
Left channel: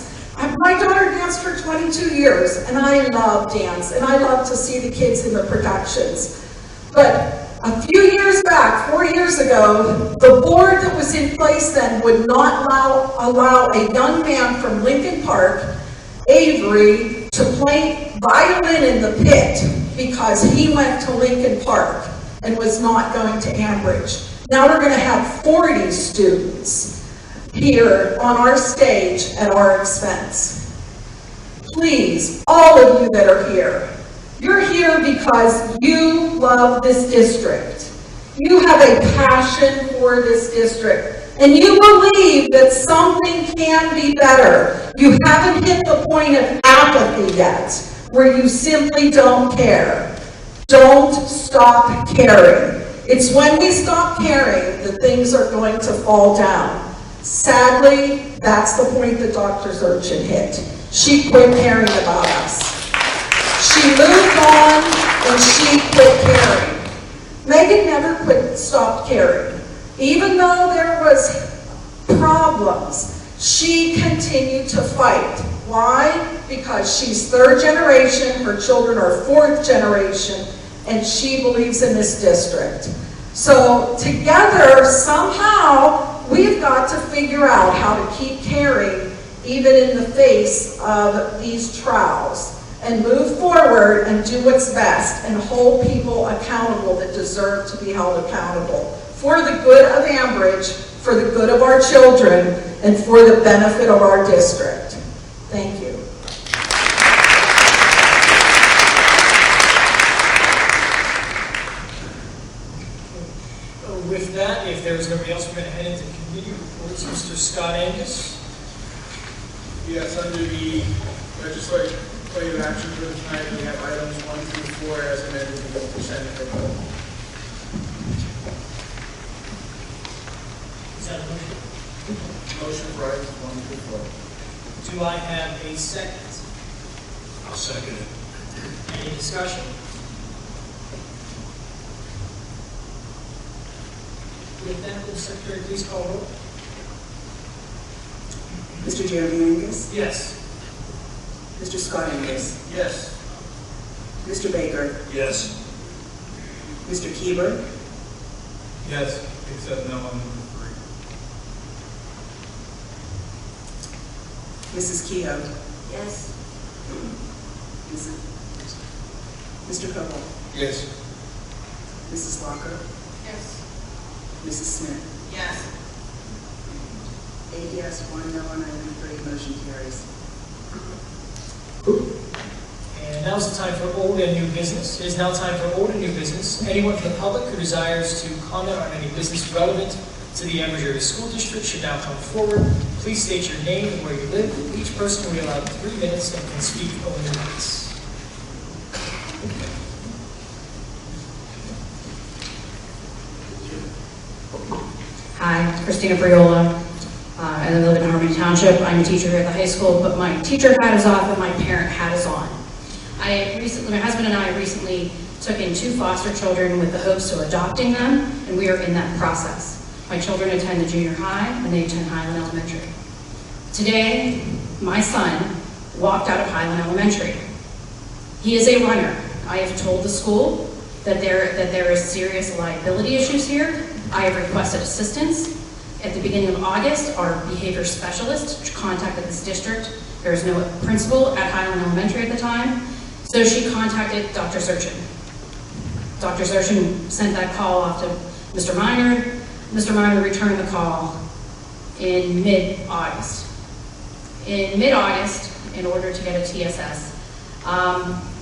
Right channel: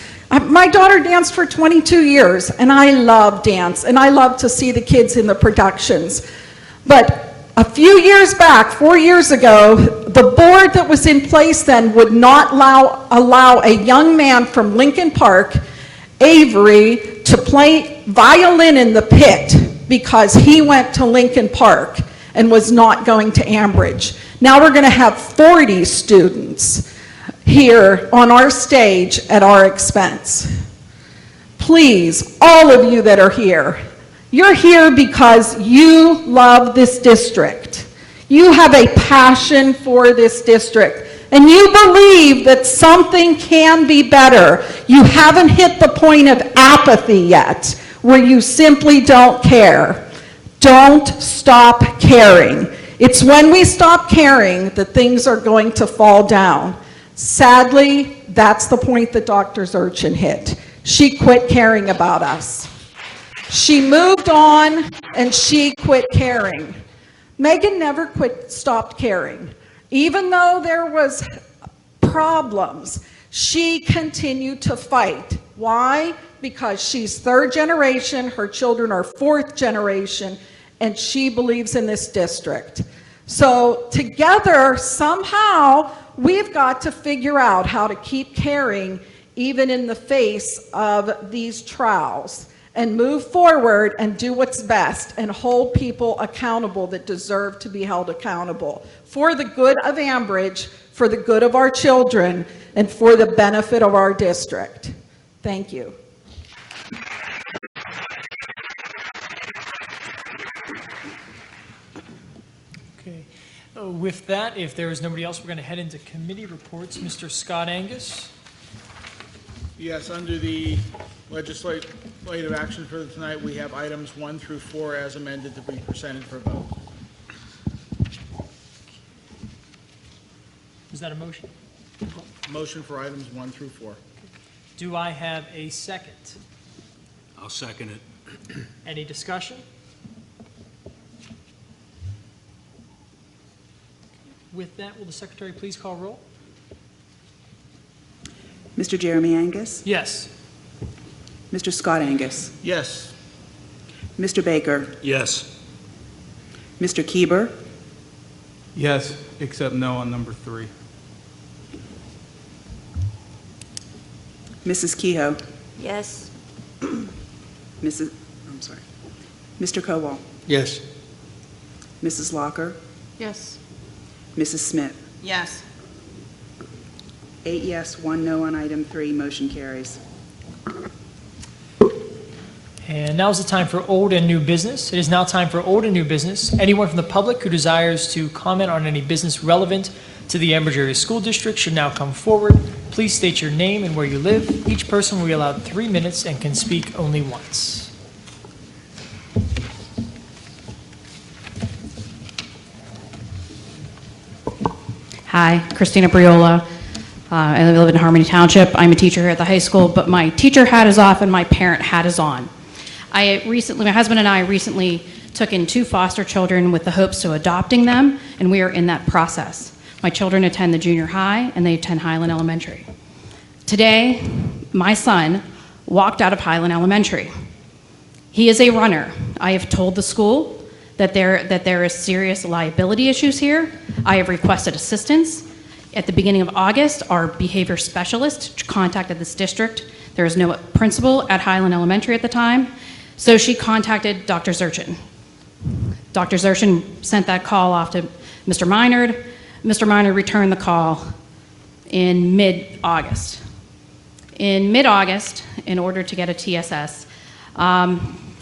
My daughter danced for 22 years, and I love dance, and I love to see the kids in the productions. But a few years back, 4 years ago, the board that was in place then would not allow a young man from Lincoln Park, Avery, to play violin in the pit because he went to Lincoln Park and was not going to Ambridge. Now we're going to have 40 students here on our stage at our expense. Please, all of you that are here, you're here because you love this district. You have a passion for this district, and you believe that something can be better. You haven't hit the point of apathy yet, where you simply don't care. Don't stop caring. It's when we stop caring that things are going to fall down. Sadly, that's the point that Dr. Zurchin hit. She quit caring about us. She moved on and she quit caring. Megan never stopped caring. Even though there was problems, she continued to fight. Why? Because she's 3rd generation, her children are 4th generation, and she believes in this district. So together, somehow, we've got to figure out how to keep caring even in the face of these trials, and move forward and do what's best and hold people accountable that deserve to be held accountable for the good of Ambridge, for the good of our children, and for the benefit of our district. Thank you. With that, if there's nobody else, we're going to head into the committee reports. Mr. Scott Angus. Yes, under the legislative action for tonight, we have items 1 through 4 as amended and presented for vote. Is that okay? Motion for items 1 through 4. Do I have a second? I'll second it. Any discussion? With that, will the secretary please call roll? Mr. Jeremy Angus, Yes. Mr. Scott Angus, Yes. Mr. Baker, Yes. Mr. Kieber, Yes, except no on number 3. Mrs. Kehoe, Yes. Mr. Koval, Yes. Mrs. Walker, Yes. Mrs. Smith. Yes. 8 yes, 1 no on item 3, motion carries. And now is the time for old and new business. It is now time for old and new business. Anyone from the public who desires to comment on any business relevant to the Ambridge Area School District should now come forward. Please state your name and where you live. Each person will be allowed 3 minutes and can speak only once. Hi, Christina Briola. I live in Harmony Township. I'm a teacher here at the high school, but my teacher hat is off and my parent hat is on. My husband and I recently took in 2 foster children with the hopes of adopting them, and we are in that process. My children attend the junior high and they attend Highland Elementary. Today, my son walked out of Highland Elementary. He is a runner. I have told the school that there is serious liability issues here. I have requested assistance. At the beginning of August, our behavior specialist contacted this district. There was no principal at Highland Elementary at the time, so she contacted Dr. Zurchin. Dr. Zurchin sent that call off to Mr. Minard. Mr. Minard returned the call in mid-August. In mid-August, in order to get a TSS,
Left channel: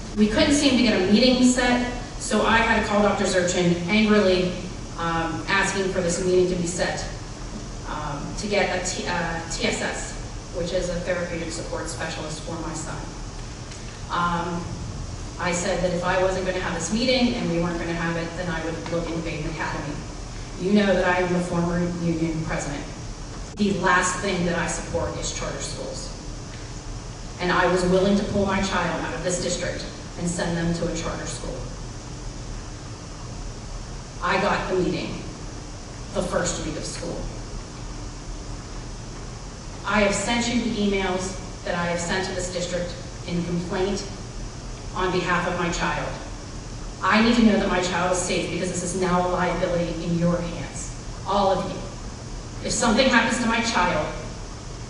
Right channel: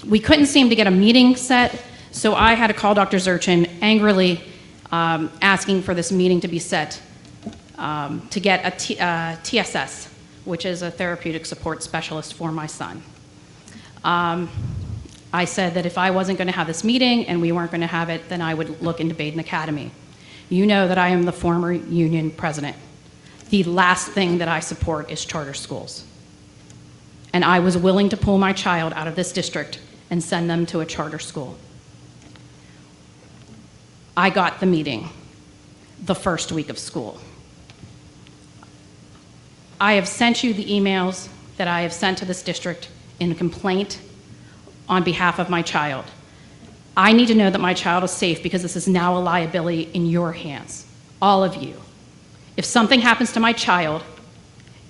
we couldn't seem to get a meeting set, so I had to call Dr. Zurchin angrily asking for this meeting to be set to get a TSS, which is a therapeutic support specialist for my son. I said that if I wasn't going to have this meeting and we weren't going to have it, then I would look into Baden Academy. You know that I am the former union president. The last thing that I support is charter schools. And I was willing to pull my child out of this district and send them to a charter school. I got the meeting the first week of school. I have sent you the emails that I have sent to this district in the complaint on behalf of my child. I need to know that my child is safe because this is now a liability in your hands, all of you. If something happens to my child,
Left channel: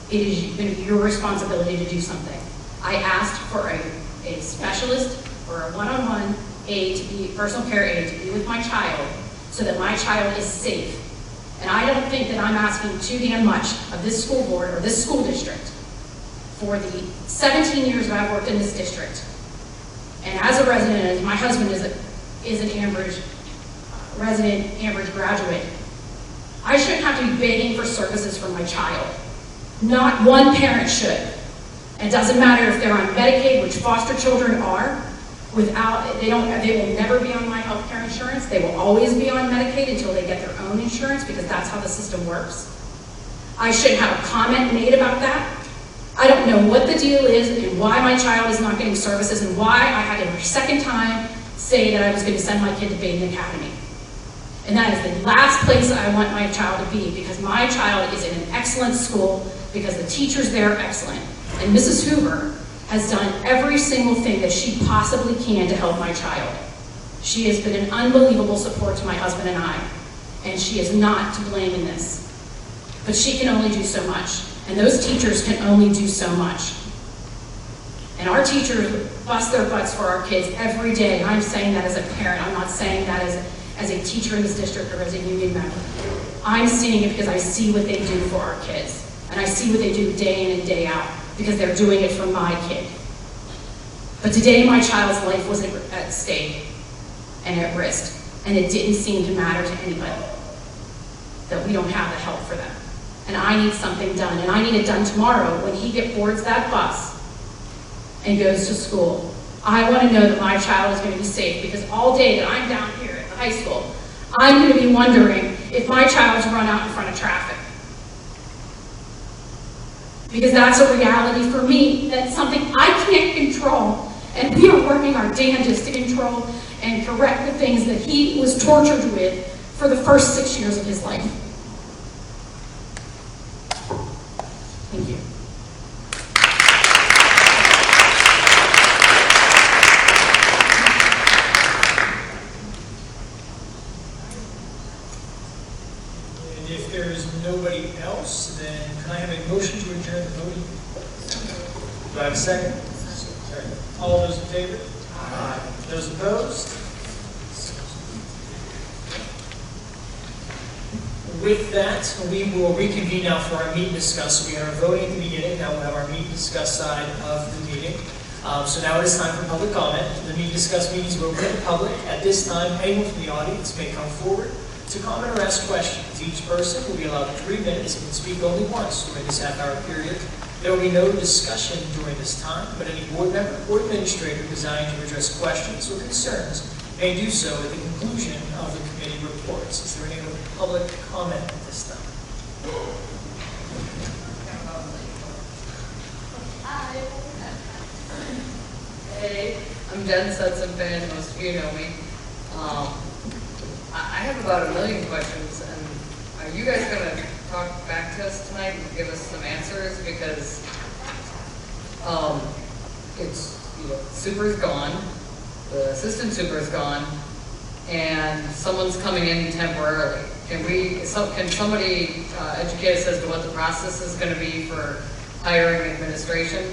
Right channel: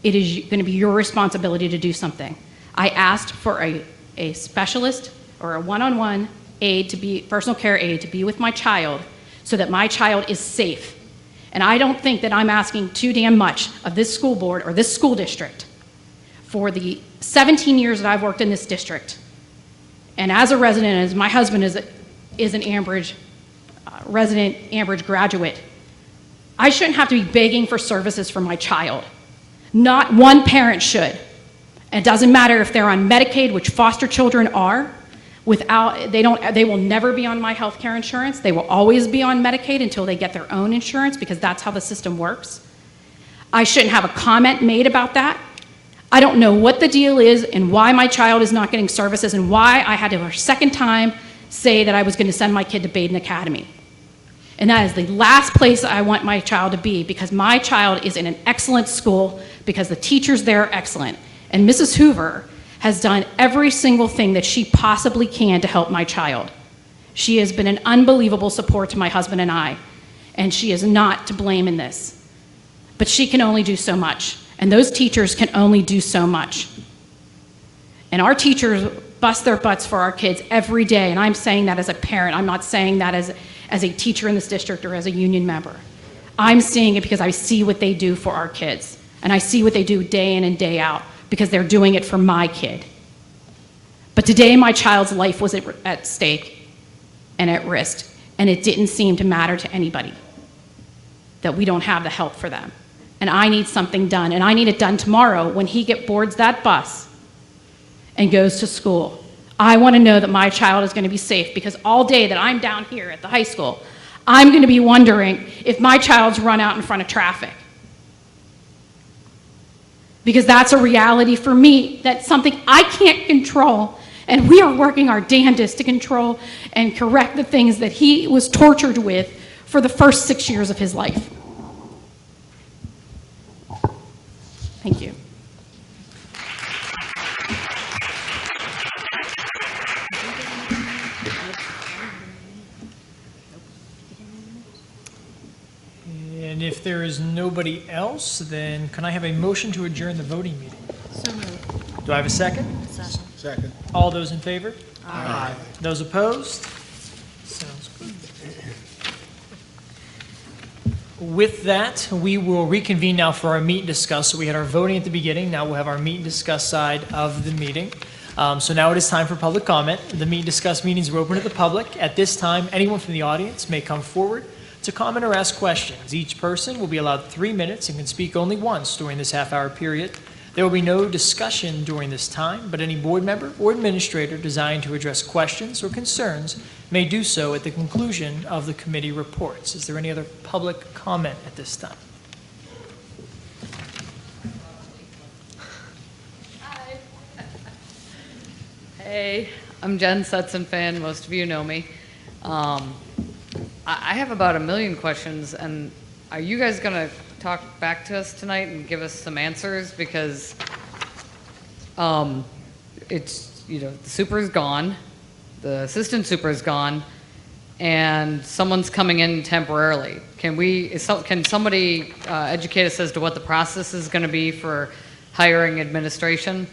it is going to be your responsibility to do something. I asked for a specialist or a one-on-one aide to be, personal care aide to be with my child so that my child is safe. And I don't think that I'm asking too damn much of this school board or this school district for the 17 years that I've worked in this district. And as a resident, as my husband is an Ambridge resident, Ambridge graduate, I shouldn't have to be begging for services from my child. Not one parent should. And it doesn't matter if they're on Medicaid, which foster children are. They will never be on my health care insurance. They will always be on Medicaid until they get their own insurance because that's how the system works. I shouldn't have a comment made about that. I don't know what the deal is and why my child is not getting services and why I had to, for a second time, say that I was going to send my kid to Baden Academy. And that is the last place I want my child to be because my child is in an excellent school because the teachers there are excellent. And Mrs. Hoover has done every single thing that she possibly can to help my child. She has been an unbelievable support to my husband and I, and she is not to blame in this. But she can only do so much, and those teachers can only do so much. And our teachers bust their butts for our kids every day, and I'm saying that as a parent. I'm not saying that as a teacher in this district or as a union member. I'm saying it because I see what they do for our kids, and I see what they do day in and day out because they're doing it for my kid. But today my child's life was at stake and at risk, and it didn't seem to matter to anybody that we don't have the help for that. And I need something done, and I need it done tomorrow when he boards that bus and goes to school. I want to know that my child is going to be safe because all day that I'm down here at the high school, I'm going to be wondering if my child's run out in front of traffic. Because that's a reality for me. That's something I can't control. And we are working our damnedest to control and correct the things that he was tortured with for the first 6 years of his life. Thank you. Do I have a second? Second. All those in favor? Aye. Those opposed? With that, we will reconvene now for our meet and discuss. So we had our voting at the beginning, now we'll have our meet and discuss side of the meeting. So now it is time for public comment. The meet and discuss meetings are open to the public. At this time, anyone from the audience may come forward to comment or ask questions. Each person will be allowed 3 minutes and can speak only once during this half-hour period. There will be no discussion during this time, but any board member or administrator desiring to address questions or concerns may do so at the conclusion of the committee reports. Is there any other public comment at this time? Hey, I'm Jen Sutson fan. Most of you know me. I have about 1 million questions, and are you guys going to talk back to us tonight and give us some answers? Because it's, super is gone, the assistant super is gone, and someone's coming in temporarily. Can somebody educate us as to what the process is going to be for hiring administration?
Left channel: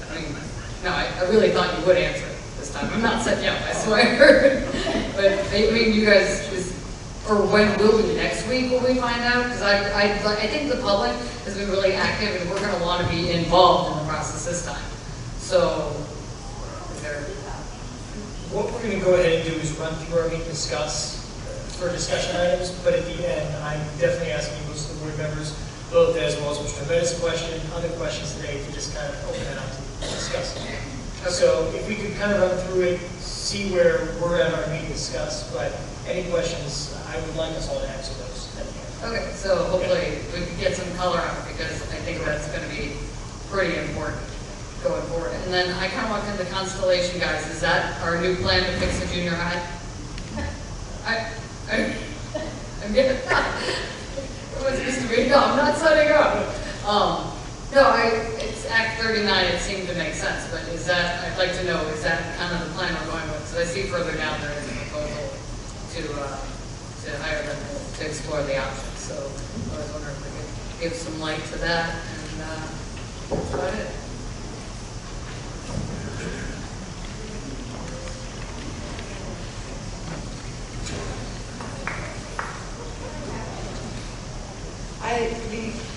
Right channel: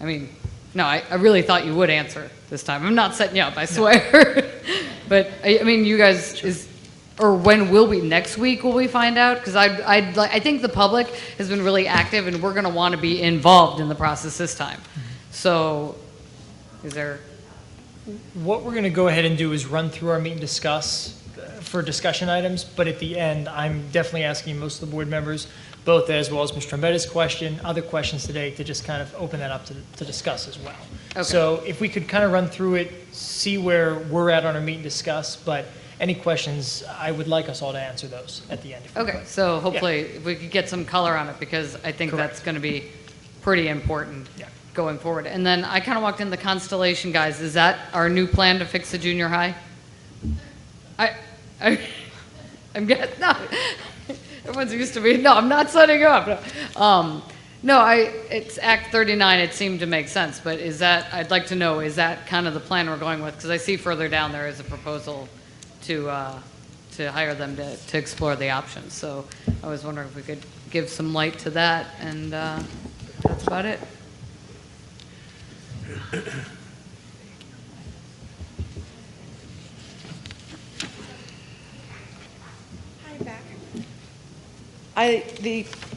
I mean, no, I really thought you would answer it this time. I'm not setting you up, I swear. But, I mean, you guys, or when will we? Next week will we find out? Because I think the public has been really active, and we're going to want to be involved in the process this time. So, is there... What we're going to go ahead and do is run through our meet and discuss for discussion items, but at the end, I'm definitely asking most of the board members, both as well as Mr. Trombetta's question, other questions today, to just kind of open that up to discuss. Okay. So if we could kind of run through it, see where we're at on our meet and discuss, but any questions, I would like us all to answer those at the end. Okay, so hopefully we can get some color on it, because I think that's going to be pretty important going forward. And then I kind of walked in the Constellation guys. Is that our new plan to fix the junior high? I'm getting, no. Everyone's used to me. No, I'm not setting up. No, it's Act 39. It seemed to make sense, but is that, I'd like to know, is that kind of the plan we're going with? Because I see further down there is a proposal to hire them to explore the options. So I was wondering if we could give some light to that, and that's about it.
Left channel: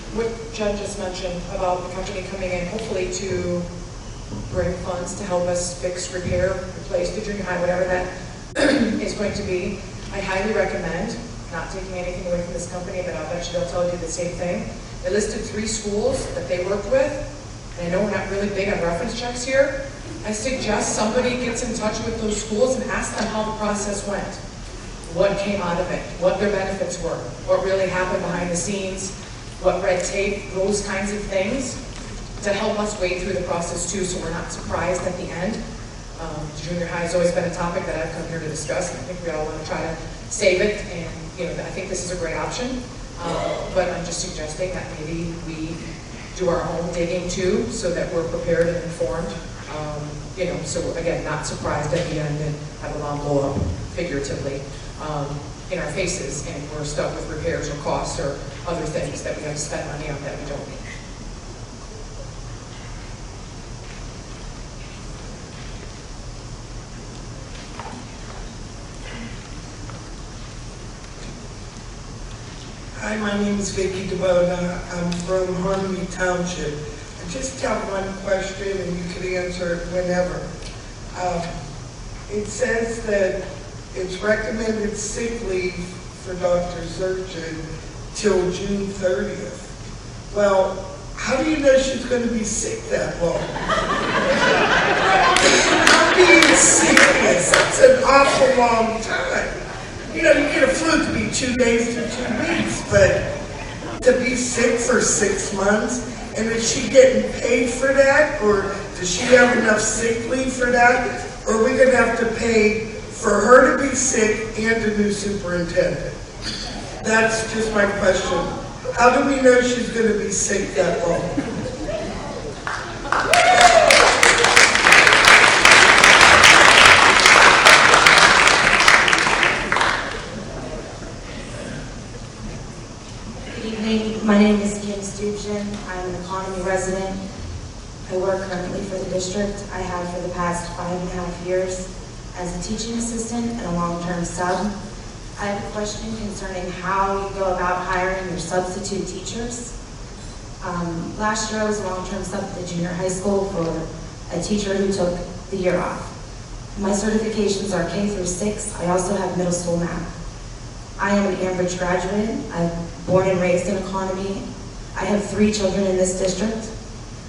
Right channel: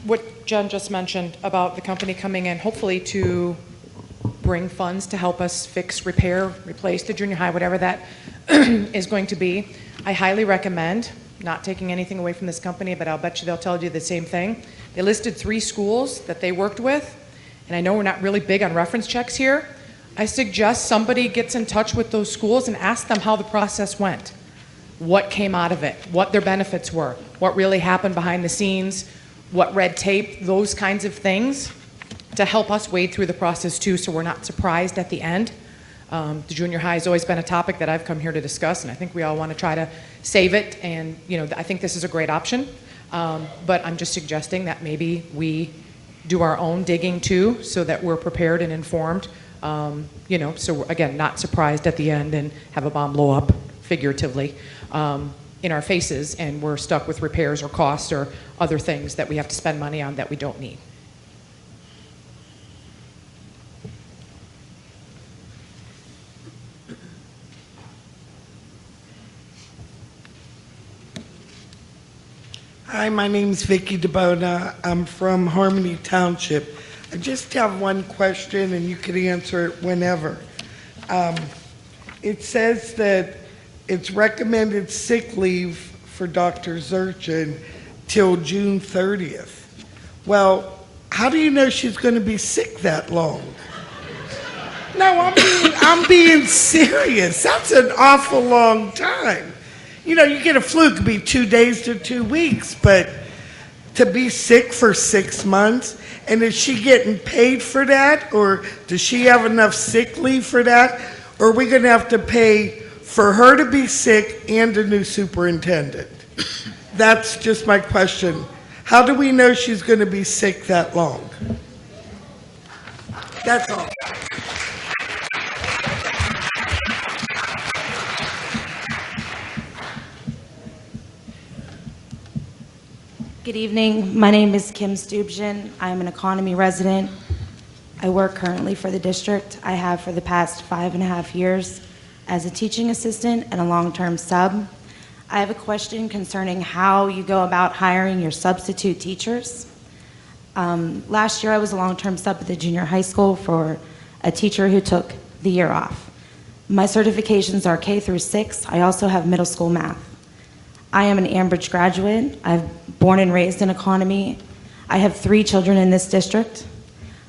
What Jen just mentioned about the company coming in, hopefully to bring funds to help us fix, repair, replace the junior high, whatever that is going to be. I highly recommend, not taking anything away from this company, but I'll bet you they'll tell you the same thing. They listed 3 schools that they worked with, and I know we're not really big on reference checks here. I suggest somebody gets in touch with those schools and asks them how the process went, what came out of it, what their benefits were, what really happened behind the scenes, what red tape, those kinds of things, to help us wade through the process too, so we're not surprised at the end. The junior high has always been a topic that I've come here to discuss, and I think we all want to try to save it, and I think this is a great option, but I'm just suggesting that maybe we do our own digging too, so that we're prepared and informed, so again, not surprised at the end and have a bomb blow up, figuratively, in our faces, and we're stuck with repairs or costs or other things that we have to spend money on that we don't need. Hi, my name's Vicki DeBoda. I'm from Harmony Township. I just have one question, and you could answer it whenever. It says that it's recommended sick leave for Dr. Zurchin till June 30th. Well, how do you know she's going to be sick that long? No, I'm being serious. That's an awful long time. You get a flu, it could be 2 days to 2 weeks, but to be sick for 6 months, and is she getting paid for that, or does she have enough sick leave for that, or are we going to have to pay for her to be sick and a new superintendent? That's just my question. How do we know she's going to be sick that long? That's all. Good evening. My name is Kim Stubjen. I'm an economy resident. I work currently for the district. I have for the past 5.5 years as a teaching assistant and a long-term sub. I have a question concerning how you go about hiring your substitute teachers. Last year I was a long-term sub at the junior high school for a teacher who took the year off. My certifications are K through 6. I also have middle school math. I am an Ambridge graduate. I'm born and raised in economy. I have 3 children in this district.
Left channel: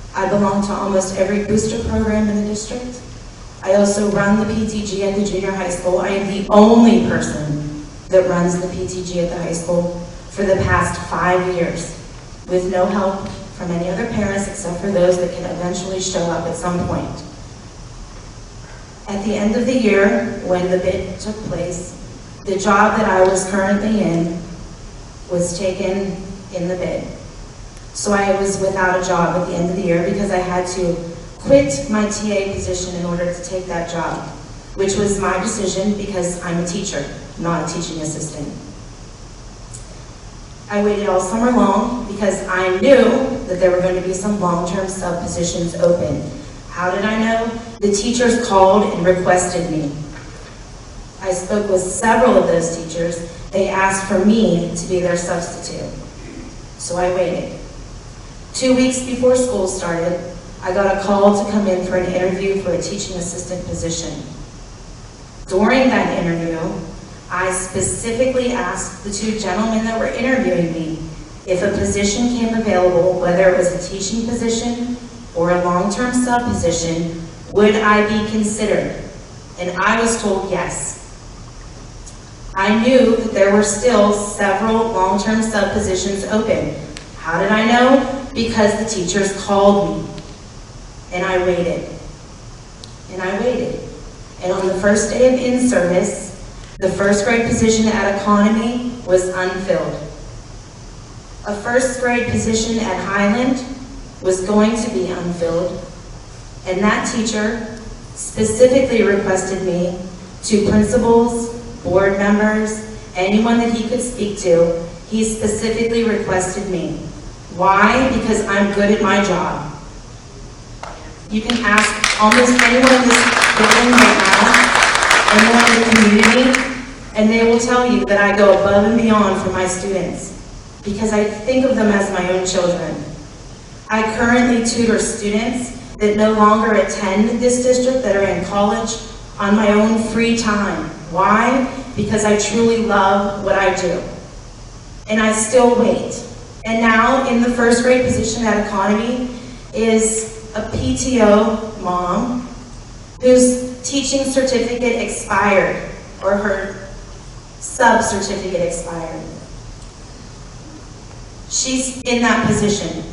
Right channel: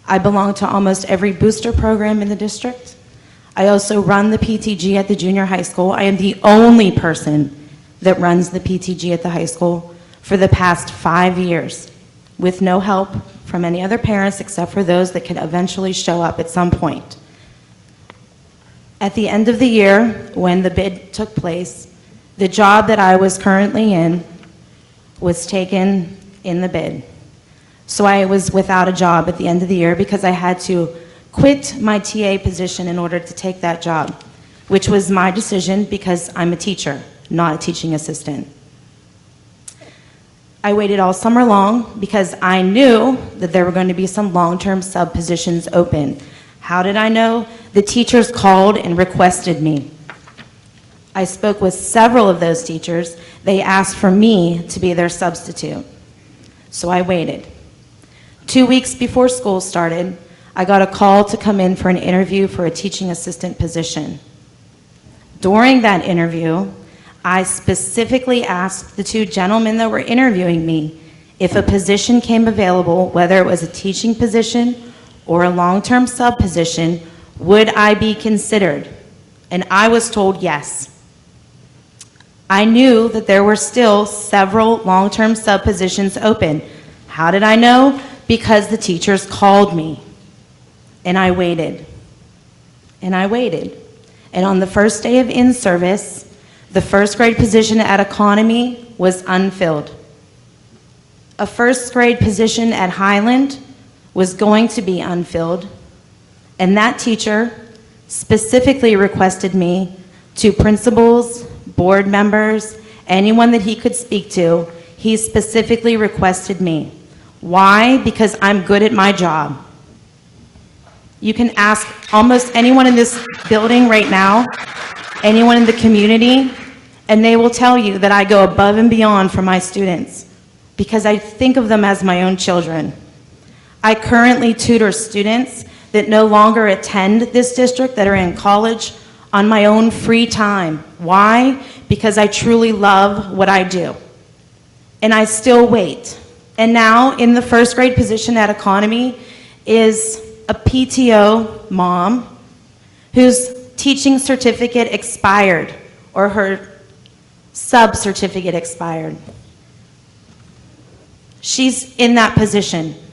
I belong to almost every booster program in the district. I also run the PTG at the junior high school. I am the only person that runs the PTG at the high school for the past 5 years, with no help from any other parents except for those that could eventually show up at some point. At the end of the year, when the bid took place, the job that I was currently in was taken in the bid. So I was without a job at the end of the year because I had to quit my TA position in order to take that job, which was my decision because I'm a teacher, not a teaching assistant. I waited all summer long because I knew that there were going to be some long-term sub positions open. How did I know? The teachers called and requested me. I spoke with several of those teachers. They asked for me to be their substitute. So I waited. 2 weeks before school started, I got a call to come in for an interview for a teaching assistant position. During that interview, I specifically asked the 2 gentlemen that were interviewing me if a position came available, whether it was a teaching position or a long-term sub position, would I be considered? And I was told yes. I knew that there were still several long-term sub positions open. How did I know? Because the teachers called me. And I waited. And I waited. And on the first day of in-service, the first grade position at economy was unfilled. A first grade position at Highland was going to be unfilled. And that teacher specifically requested me to principals, board members, anyone that he could speak to, he specifically requested me. Why? Because I'm good at my job. You can ask almost anyone in this building right now, anyone in the community, and they will tell you that I go above and beyond for my students because I think of them as my own children. I currently tutor students that no longer attend this district, that are in college, on my own free time. Why? Because I truly love what I do. And I still wait. And now, in the first grade position at economy, is a PTO mom whose teaching certificate expired, or her sub certificate expired. She's in that position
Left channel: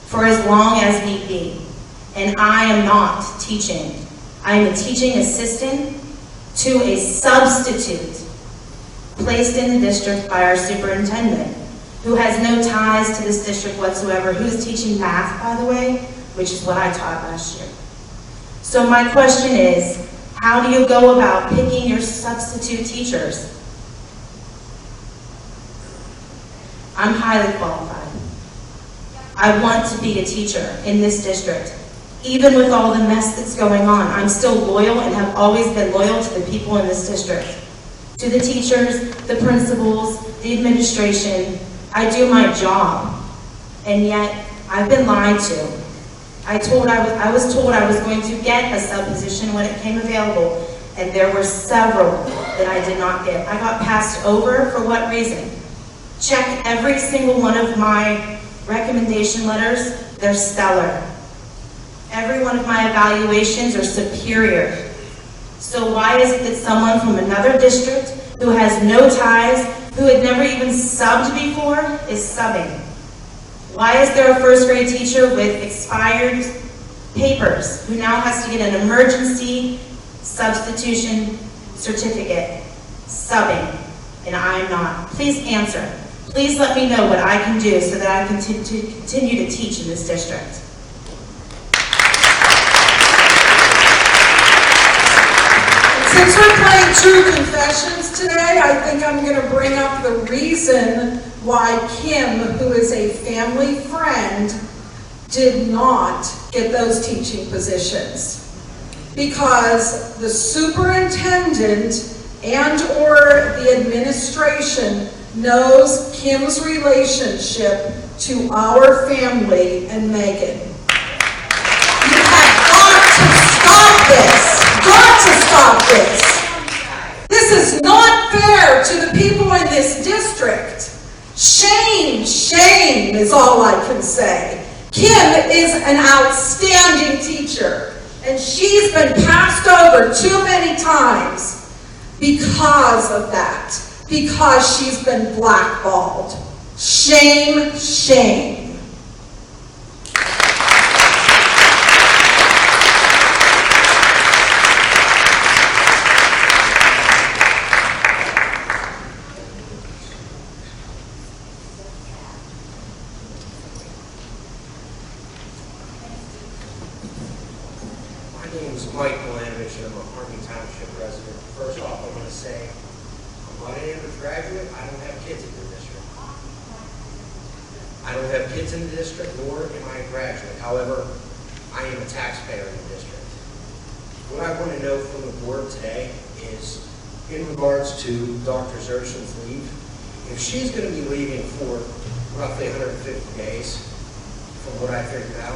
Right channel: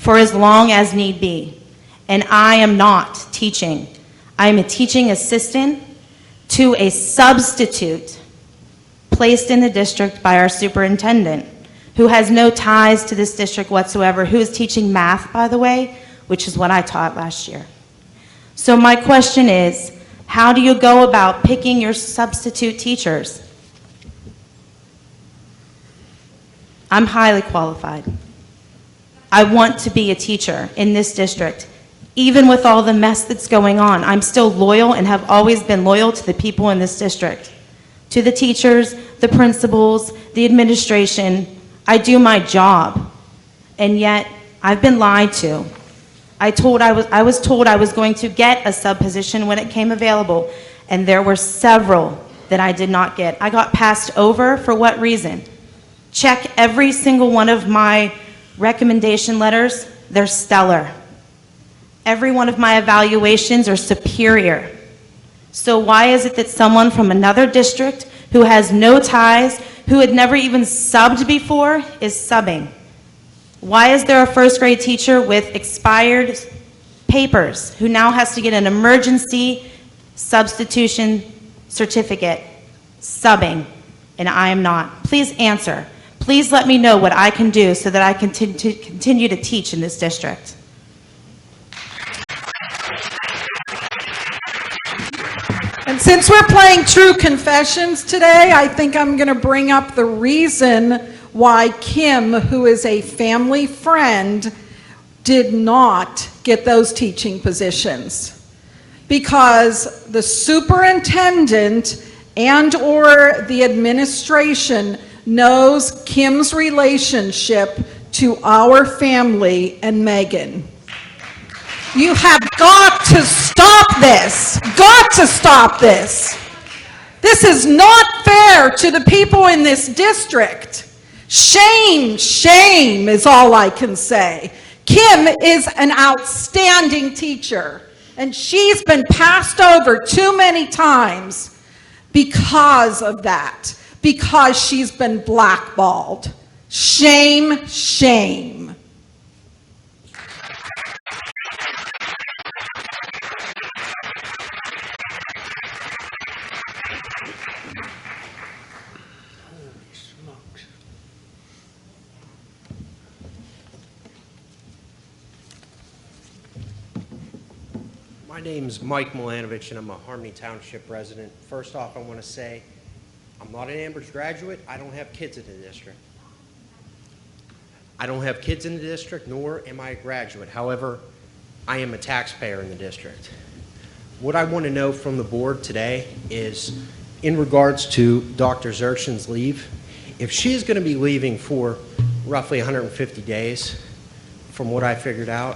for as long as need be. And I am not teaching. I'm a teaching assistant to a substitute placed in the district by our superintendent, who has no ties to this district whatsoever, who is teaching math, by the way, which is what I taught last year. So my question is, how do you go about picking your substitute teachers? I'm highly qualified. I want to be a teacher in this district. Even with all the mess that's going on, I'm still loyal and have always been loyal to the people in this district. To the teachers, the principals, the administration. I do my job. And yet, I've been lied to. I was told I was going to get a sub position when it came available, and there were several that I did not get. I got passed over for what reason? Check every single one of my recommendation letters, they're stellar. Every one of my evaluations are superior. So why is it that someone from another district who has no ties, who had never even subbed before, is subbing? Why is there a first grade teacher with expired papers who now has to get an emergency substitution certificate, subbing, and I am not? Please answer. Please let me know what I can do so that I can continue to teach in this district. Since we're playing True Confessions today, I think I'm going to bring up the reason why Kim, who is a family friend, did not get those teaching positions. Because the superintendent and/or the administration knows Kim's relationship to our family and Megan. You have got to stop this. Got to stop this. This is not fair to the people in this district. Shame, shame is all I can say. Kim is an outstanding teacher, and she's been passed over too many times because of that, because she's been blackballed. Shame, shame. Michael Lamich, I'm a Harmony Township resident. First off, I want to say, I'm not an Amherst graduate, I don't have kids in the district. I don't have kids in the district, nor am I a graduate. However, I am a taxpayer in the district. What I want to know from the board today is, in regards to Dr. Zurchin's leave, if she's going to be leaving for roughly 150 days, from what I figured out,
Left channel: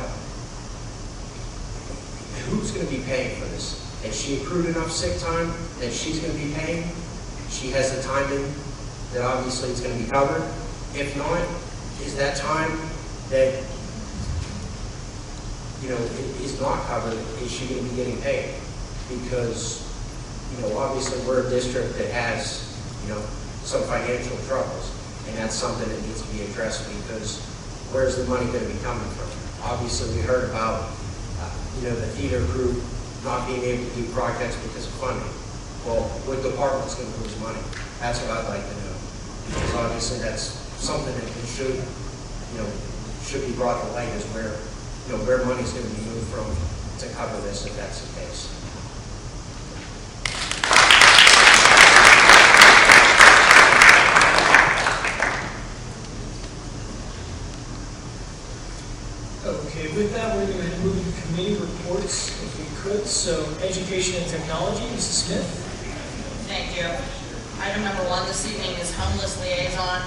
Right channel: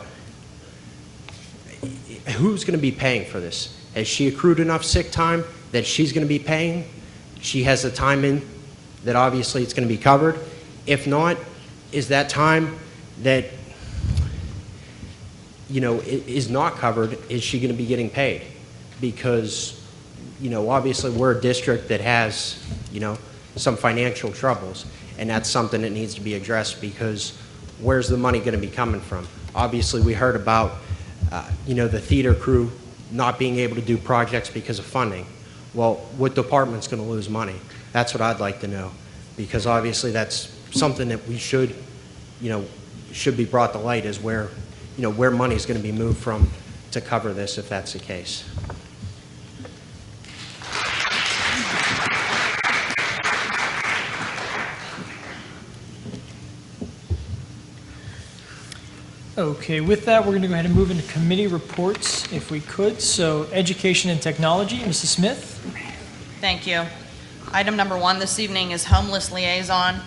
who's going to be paying for this? Has she accrued enough sick time that she's going to be paying? She has the time in that obviously it's going to be covered. If not, is that time that, you know, is not covered, is she going to be getting paid? Because, you know, obviously we're a district that has, you know, some financial troubles, and that's something that needs to be addressed, because where's the money going to be coming from? Obviously we heard about you know, the theater crew not being able to do projects because of funding. Well, what department's going to lose money? That's what I'd like to know, because obviously that's something that we should, you know, should be brought to light, is where, you know, where money's going to be moved from to cover this, if that's the case. Okay, with that, we're going to go ahead and move into committee reports, if we could. So, Education and Technology, Mrs. Smith. Thank you. Item number 1 this evening is Homeless Liaison.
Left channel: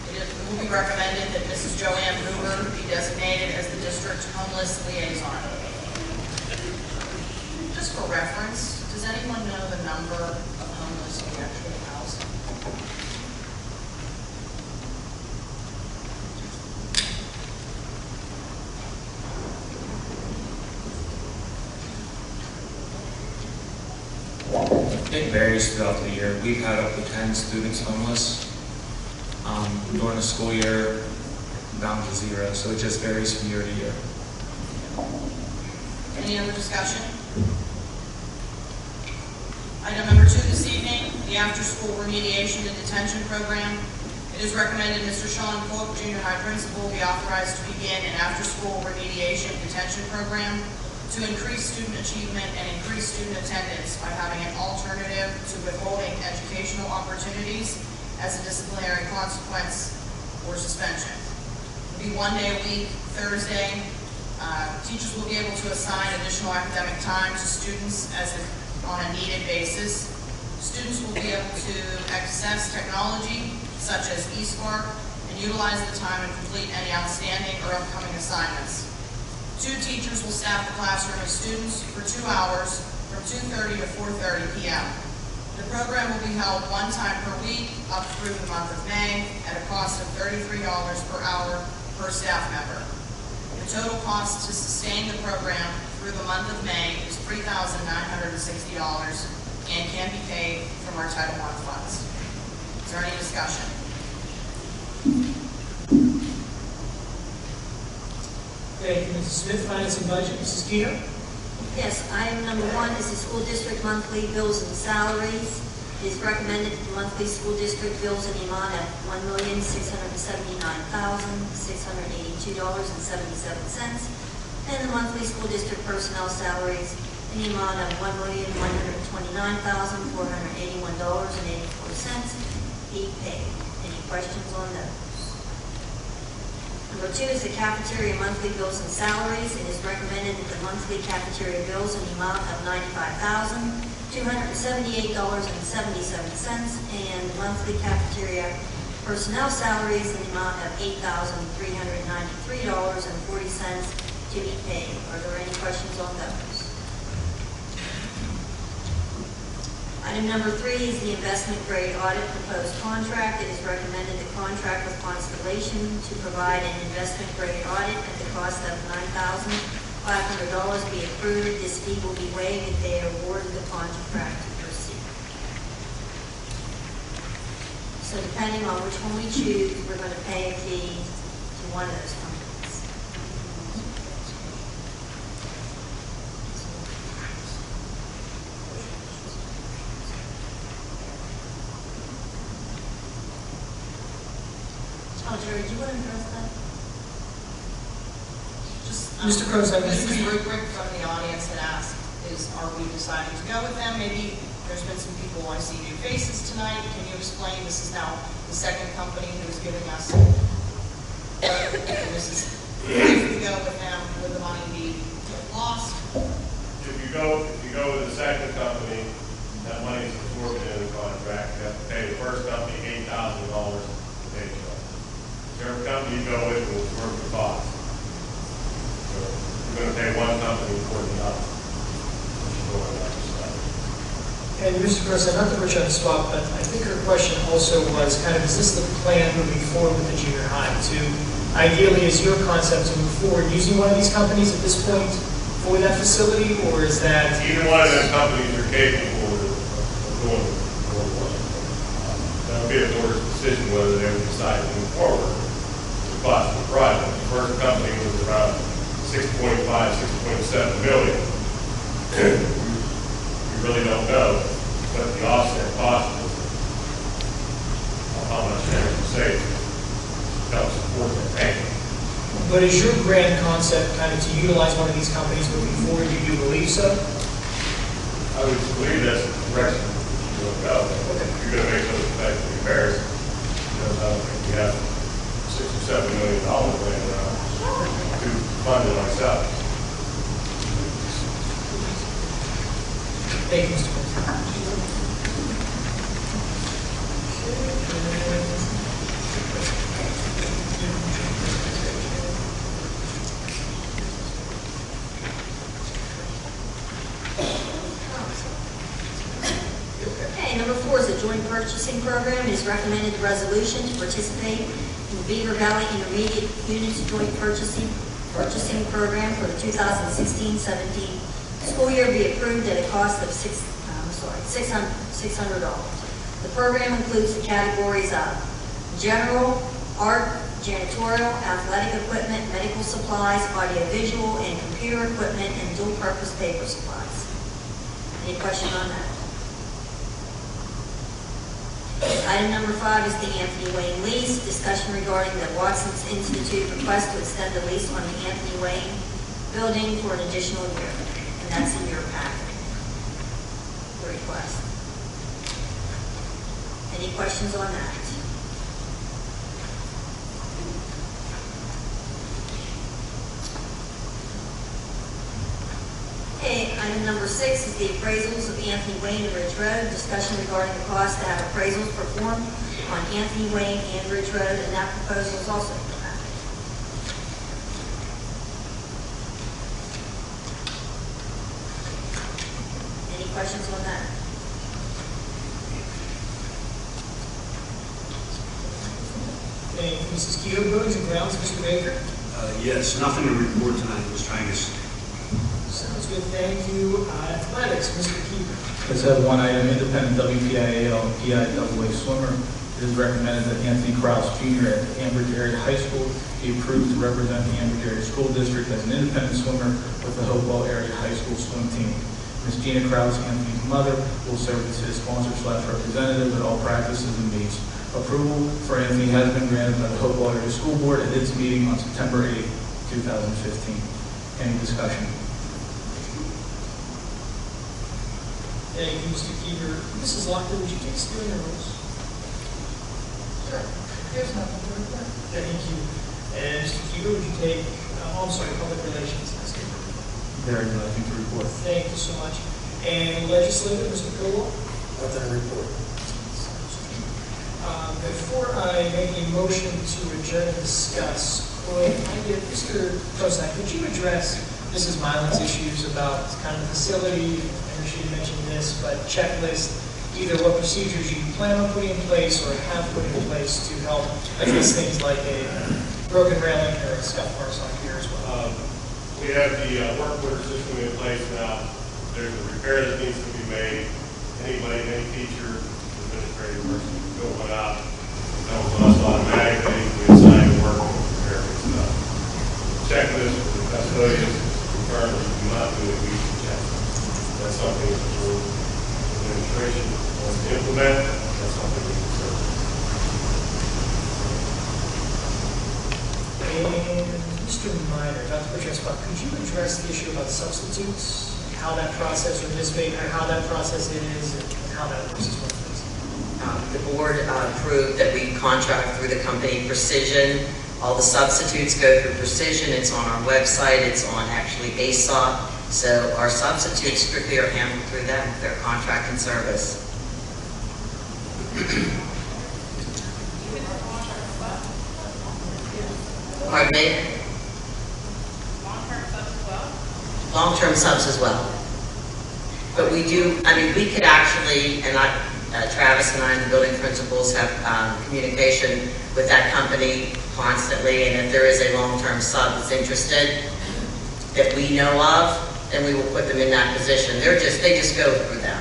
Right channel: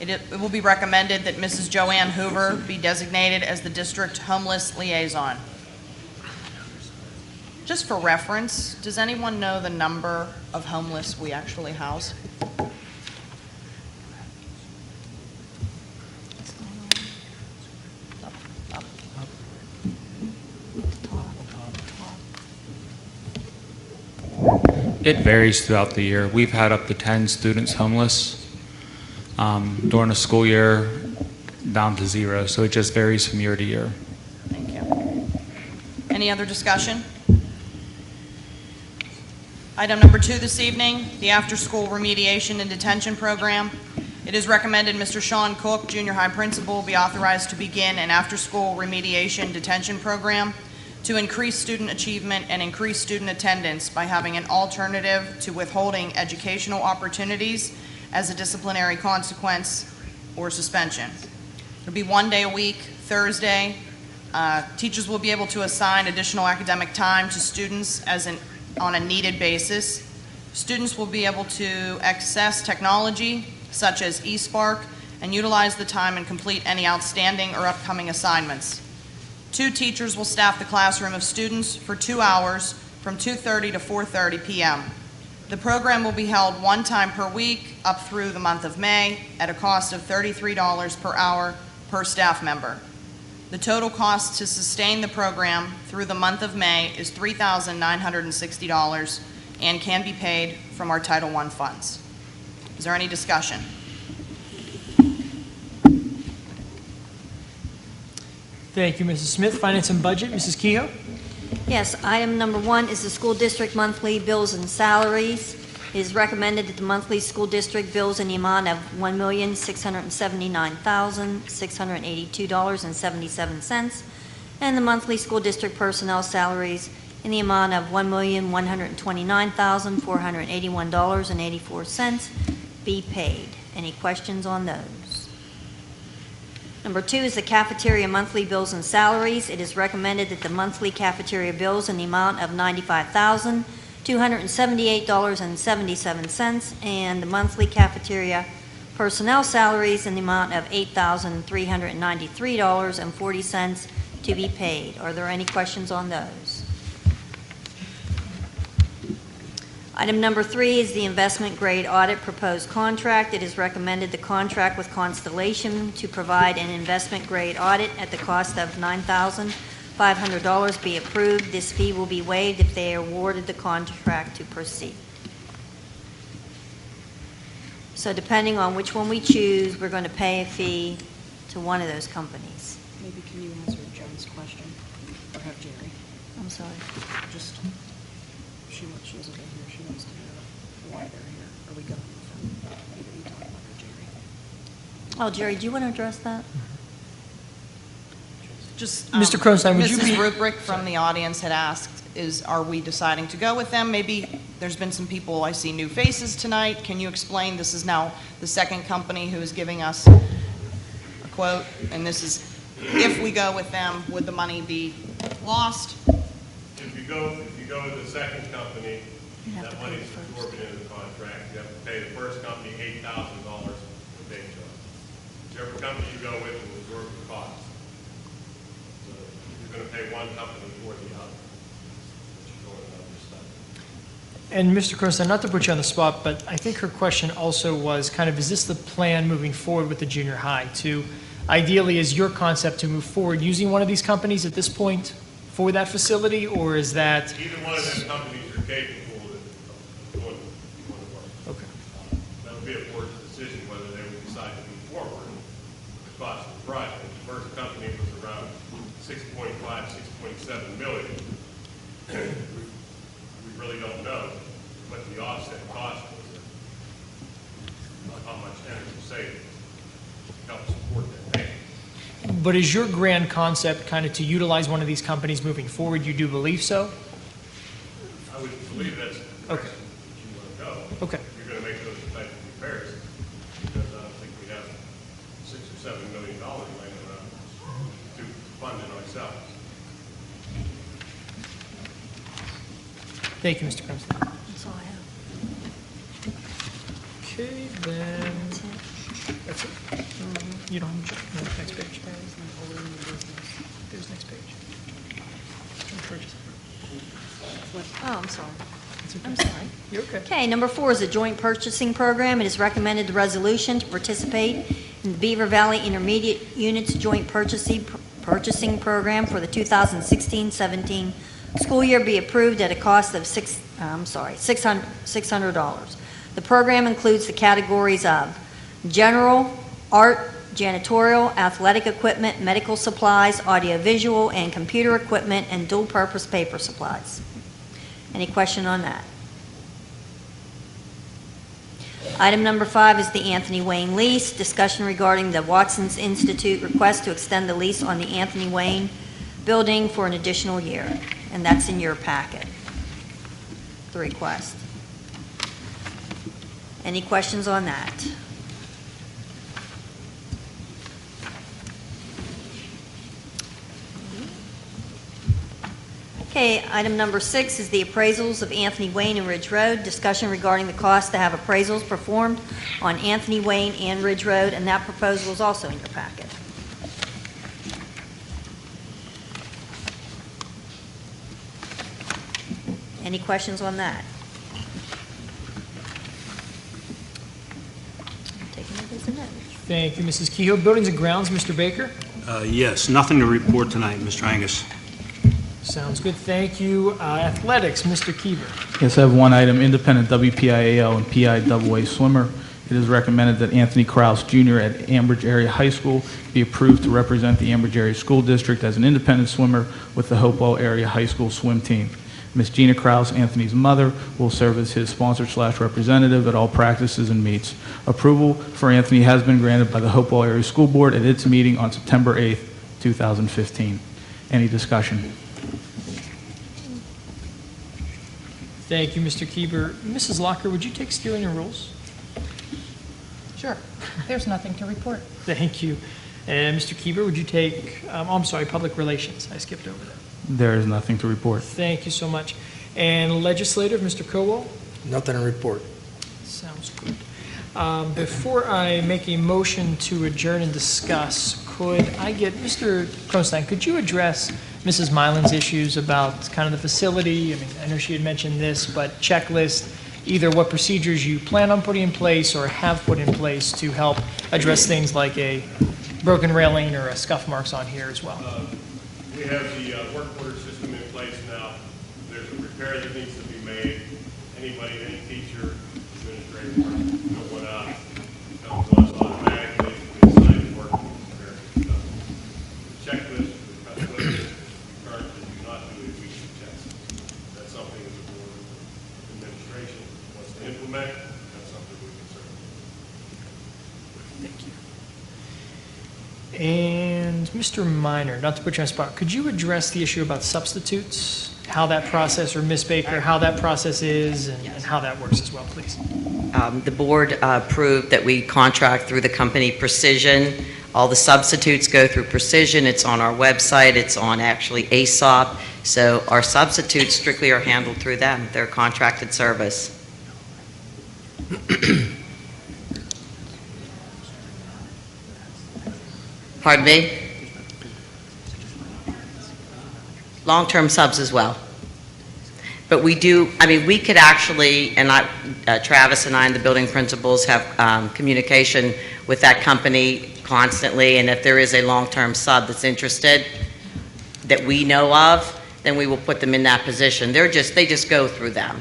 It will be recommended that Mrs. Joanne Hoover be designated as the District Homeless Liaison. Just for reference, does anyone know the number of homeless we actually house? It varies throughout the year. We've had up to 10 students homeless during the school year, down to 0. So it just varies from year to year. Any other discussion? Item number 2 this evening, the after-school remediation and detention program. It is recommended Mr. Sean Cook, junior high principal, be authorized to begin an after-school remediation detention program to increase student achievement and increase student attendance by having an alternative to withholding educational opportunities as a disciplinary consequence or suspension. It'll be 1 day a week, Thursday. Teachers will be able to assign additional academic time to students on a needed basis. Students will be able to access technology such as eSpark and utilize the time and complete any outstanding or upcoming assignments. 2 teachers will staff the classroom of students for 2 hours from 2:30 to 4:30 p.m. The program will be held 1 time per week up through the month of May at a cost of $33 per hour per staff member. The total cost to sustain the program through the month of May is $3,960 and can be paid from our Title I funds. Is there any discussion? Thank you, Mrs. Smith. Finance and Budget, Mrs. Kehoe. Yes, item number 1 is the school district monthly bills and salaries. It is recommended that the monthly school district bills in the amount of $1,679,682.77, and the monthly school district personnel salaries in the amount of $1,129,481.84 be paid. Any questions on those? Number 2 is the cafeteria monthly bills and salaries. It is recommended that the monthly cafeteria bills in the amount of $95,278.77 and the monthly cafeteria personnel salaries in the amount of $8,393.40 to be paid. Are there any questions on those? Item number 3 is the investment grade audit proposed contract. It is recommended the contract with Constellation to provide an investment grade audit at the cost of $9,500 be approved. This fee will be waived if they are awarded the contract to proceed. So depending on which one we choose, we're going to pay a fee to one of those companies. Oh, Jerry, do you want to address that? Just, Mr. Croson, would you Mrs. be- Rubrick from the audience had asked, are we deciding to go with them? Maybe there's been some people, I see new faces tonight. Can you explain, this is now the second company who is giving us a quote, and this is, if we go with them, would the money be lost? If you go with the second company, that money is recorded in the contract. You have to pay the first company $8,000 to pay the cost. Whichever company you go with will absorb the cost. So you're going to pay one company more than others. And Mr. Croson, not to put you on the spot, but I think her question also was kind of, is this the plan moving forward with the junior high? Ideally, is your concept to move forward using one of these companies at this point for that facility, or is that? Either one of those companies are capable of doing it. That'll be a board's decision whether they would decide to move forward. The cost of the project. The first company was around 6.5, 6.7 million. We really don't know what the offset cost is. How much energy saved to help support that payment. But is your grand concept kind of to utilize one of these companies moving forward? You do believe so? I would believe that's the direction you'll go. If you're going to make those types of repairs, I don't think you have $6 or $7 million laying around to fund it myself. Thank you, Mr. Croson. Okay, number 4 is a joint purchasing program. It is recommended the resolution to participate in the Beaver Valley Intermediate Units Joint Purchasing Program for the 2016-17 school year be approved at a cost of $600. The program includes the categories of general, art, janitorial, athletic equipment, medical supplies, audiovisual, and computer equipment, and dual-purpose paper supplies. Any question on that? Item number 5 is the Anthony Wayne lease. Discussion regarding the Watson's Institute request to extend the lease on the Anthony Wayne building for an additional year. And that's in your packet, the request. Any questions on that? Okay, item number 6 is the appraisals of Anthony Wayne and Ridge Road. Discussion regarding the cost to have appraisals performed on Anthony Wayne and Ridge Road, and that proposal is also in your packet. Any questions on that? Thank you, Mrs. Kehoe. Buildings and Grounds, Mr. Baker. Yes, nothing to report tonight, Mr. Angus. Sounds good, thank you. Athletics, Mr. Keever. Yes, I have one item, independent WPIAL and PIAA swimmer. It is recommended that Anthony Kraus Jr. at Ambridge Area High School be approved to represent the Ambridge Area School District as an independent swimmer with the Hopewell Area High School swim team. Ms. Gina Kraus, Anthony's mother, will serve as his sponsor/representative at all practices and meets. Approval for Anthony has been granted by the Hopewell Area School Board at its meeting on September 8th, 2015. Any discussion? Thank you, Mr. Kieber. Mrs. Locker, would you take Stu in your roles? Sure. There's nothing to report. Thank you. And Mr. Kieber, would you take, I'm sorry, Public Relations? I skipped over. There is nothing to report. Thank you so much. And Legislator, Mr. Cowell? Nothing to report. Sounds good. Before I make a motion to adjourn and discuss, could I get, Mr. Crostein, could you address Mrs. Mylan's issues about kind of the facility? I know she had mentioned this, but checklist, either what procedures you plan on putting in place or have put in place to help address things like a broken railing or a scuff marks on here as well. We have the workforce system in place now. There's a repair that needs to be made. Anybody, any teacher, administrative person, fill it out. Comes to us automatically. We assign the work and prepare for stuff. Checklist for the custodians confirm that we do not do a weekly check. That's something that the administration wants to implement. That's something we can serve. And Mr. Minor, not to put you on the spot, could you address the issue about substitutes? How that process, or Ms. Baker, how that process is and how that works as well, please? The board approved that we contract through the company Precision. All the substitutes go through Precision. It's on our website. It's on actually ASOP. So our substitutes strictly are handled through them. They're a contracted service. Pardon me? Long-term subs as well. But we do, I mean, we could actually, and Travis and I and the building principals have communication with that company constantly, and if there is a long-term sub that's interested that we know of, then we will put them in that position. They just go through them.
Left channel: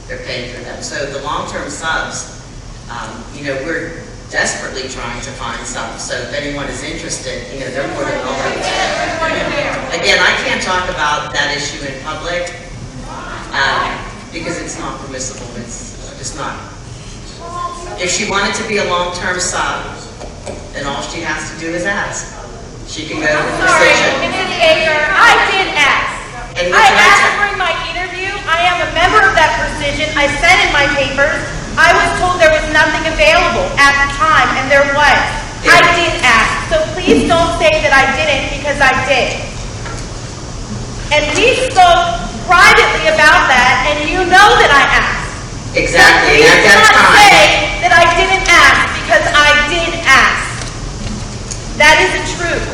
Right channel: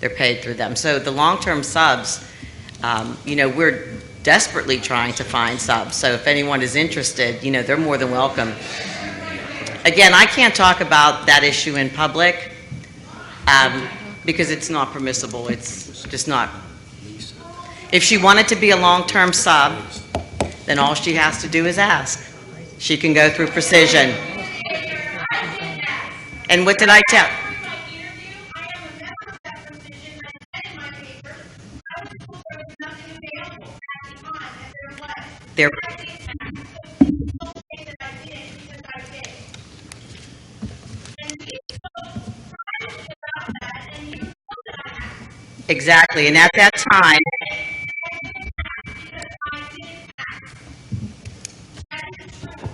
They're paid through them. So the long-term subs, we're desperately trying to find subs. So if anyone is interested, they're more than welcome. Again, I can't talk about that issue in public because it's not permissible. It's just not. If she wanted to be a long-term sub, then all she has to do is ask. She can go through Precision. Mrs. Baker, I did ask. And what did I asked tell? during my interview. I am a member of that Precision. I said in my papers, I was told there was nothing available at the time, and there was. I did ask. So please don't say that I didn't, because I did. And we spoke privately about that, and you know that I asked. Exactly. You cannot say that I didn't ask, because I did ask. That is the truth.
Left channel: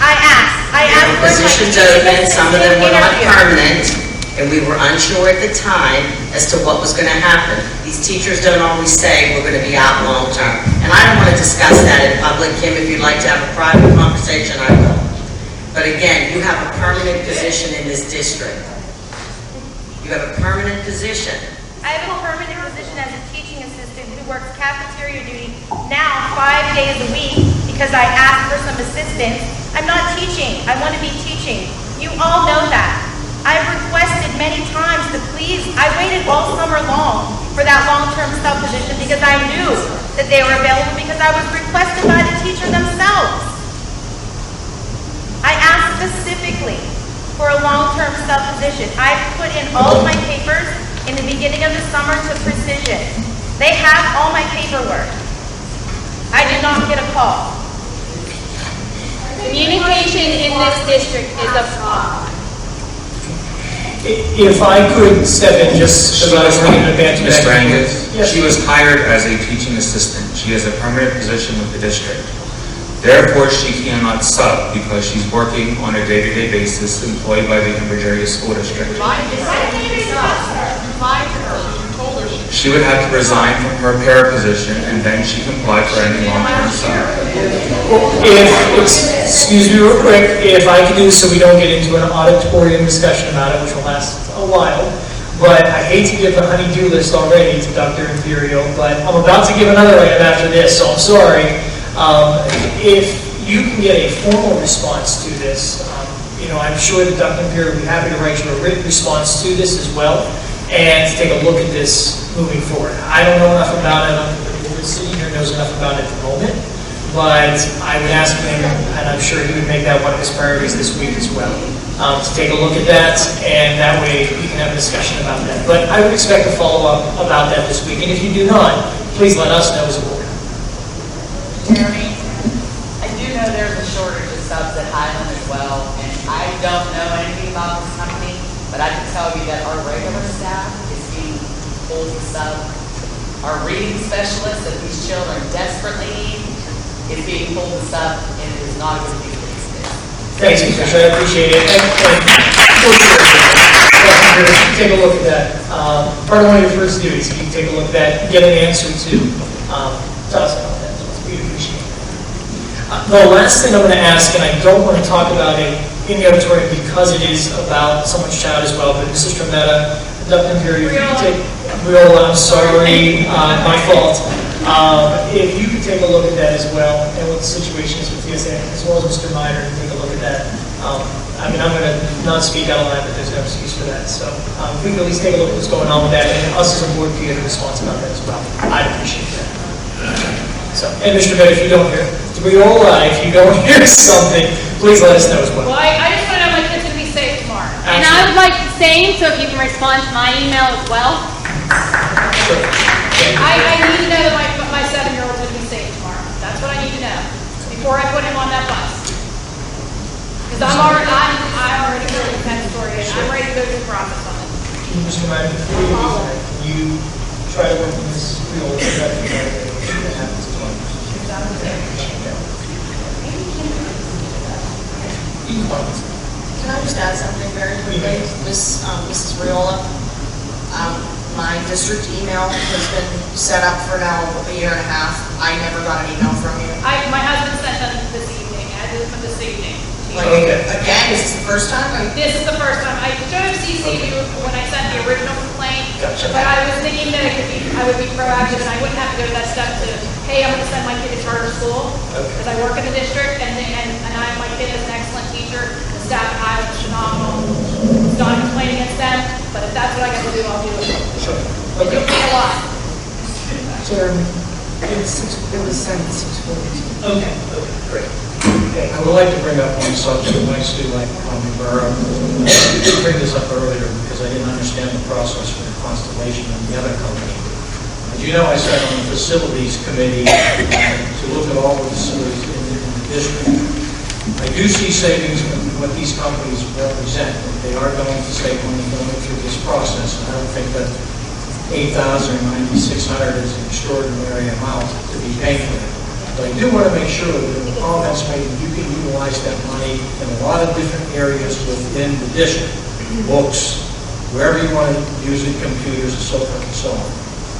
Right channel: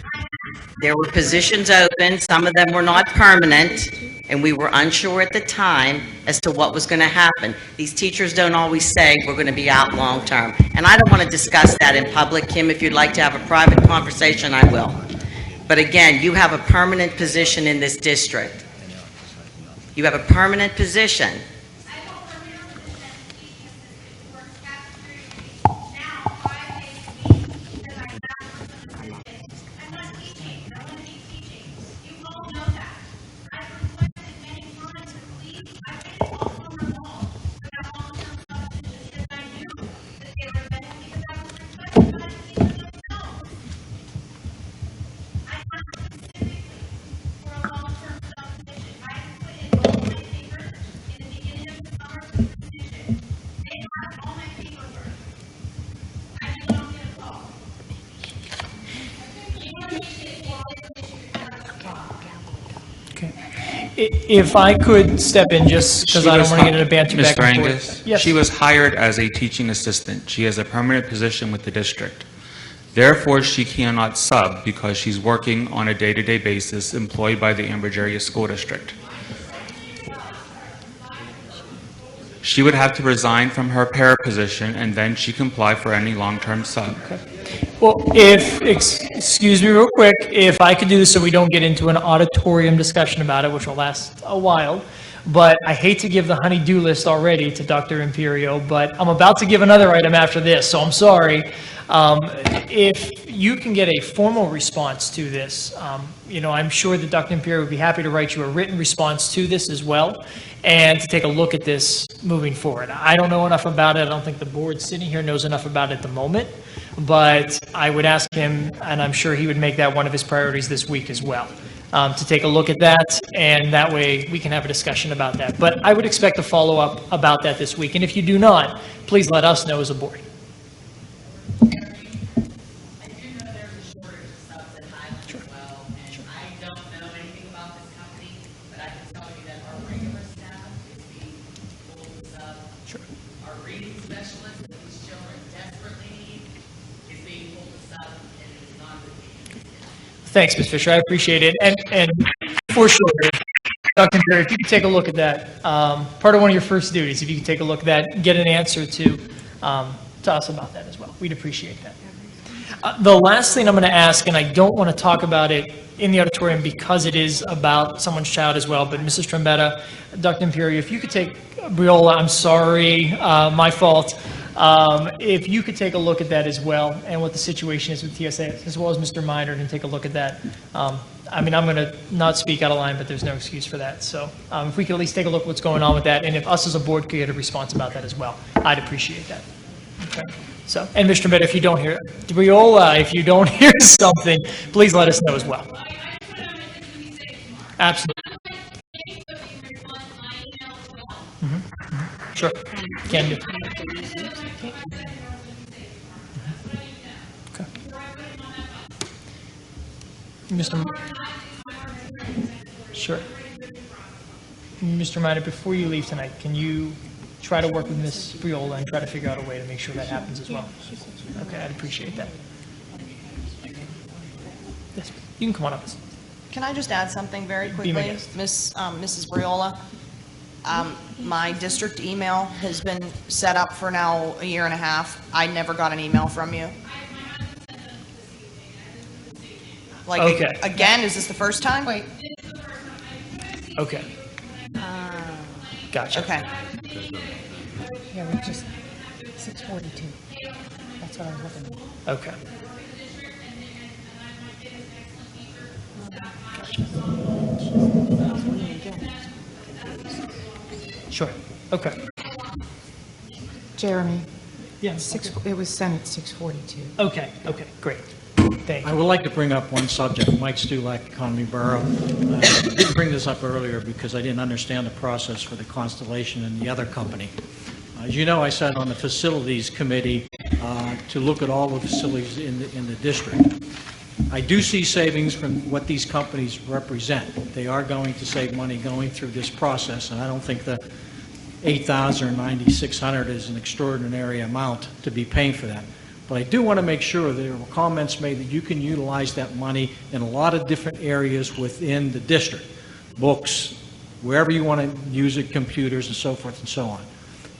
I asked. I asked for Positions open, some of them were permanent, and we were unsure at the time as to what was going to happen. These teachers don't always say we're going to be out long term. And I don't want to discuss that in public. Kim, if you'd like to have a private conversation, I will. But again, you have a permanent position in this district. You have a permanent position. I have a permanent position as a teaching assistant who works cafeteria duty now 5 days a week because I asked for some assistance. I'm not teaching. I want to be teaching. You all know that. I've requested many times to please, I waited all summer long for that long-term sub position because I knew that they were available because I was requested by the teacher themselves. I asked specifically for a long-term sub position. I put in all of my papers in the beginning of the summer to Precision. They have all my paperwork. I did not get a call. Communication in this district is a fraud. If I could step in just because I was trying to advance Ms. Rankin, Yes. she was hired as a teaching assistant. She has a permanent position with the district. Therefore, she cannot sub because she's working on a day-to-day basis employed by the Cambridge School District. She would have to resign from her para position and then she can apply for any long-term sub. Excuse me real quick, if I can do this so we don't get into an auditorium discussion on it, which lasts a while, but I hate to give the honey-do list already to Dr. Imperial, but I'm about to give another right after this, so I'm sorry. If you can get a formal response to this, I'm sure that Dr. Imperial will be happy to write you a written response to this as well, and take a look at this moving forward. I don't know enough about it, I don't think the board sitting here knows enough about it at the moment, but I would ask him, and I'm sure he would make that one of his priorities this week as well, to take a look at that, and that way we can have a discussion about that. But I would expect a follow-up about that this week, and if you do not, please let us know as well. Jeremy, I do know there's a shortage of subs at Highland as well, and I don't know anything about this company, but I can tell you that our regular staff is being pulled to sub. Our reading specialist that these children desperately need is being pulled to sub, and it is not a good use of these days. Thanks, Commissioner. I appreciate it. And for sure, take a look at that. Part of one of your first duties, you can take a look at that, get an answer to us on that. So we appreciate it. The last thing I'm going to ask, and I don't want to talk about it in the auditorium because it is about someone's child as well, but Mr. Meta, Dr. McGurry, I'm sorry, my fault. If you could take a look at that as well, and what the situation is with you, as well as Mr. Minor, take a look at that. I mean, I'm going to not speak out loud, but there's no excuse for that. So we can at least take a look at what's going on with that, and us as a board can get a response on it as well. I appreciate that. So, and Mr. Meta, if you don't hear, if you don't hear something, please let us know as well. Well, I just want to know my kid's going to be safe tomorrow. And I would like the same, so if you can respond to my email as well. I need to know that my 7-year-old's going to be safe tomorrow. That's what I need to know before I put him on that bus. Because I already heard the Penn story, and I'm ready to go through the process on it. Just mind you try to work this, Can I just add something very quickly? This is Marilla. My district email has been set up for now a year and a half. I never got an email from you. My husband sent them this evening. I did it for this evening. Like, again, this is the first time? This is the first time. I should have CC'd you when I sent the original complaint. Gotcha. But I was thinking that I would be proactive and I wouldn't have to go to that step to, hey, I'm going to send my kid to charter school. Because I work in the district and my kid is an excellent teacher. The staff at Highland is phenomenal. It's not a complaint against them, but if that's what I got to do, I'll do it. But you'll pay a lot. Okay, great. I would like to bring up one subject next to bring this up earlier because I didn't understand the process for the Constellation and the other company. You know, I sat on the facilities committee to look at all the facilities in the district. I do see savings in what these companies represent. They are going to save money going through this process, and I don't think that 8,000 or 9,600 is an extraordinary amount to be paying for. But I do want to make sure that the comments made, you can utilize that money in a lot of different areas within the district. Books, wherever you want to use the computers, and so forth and so on.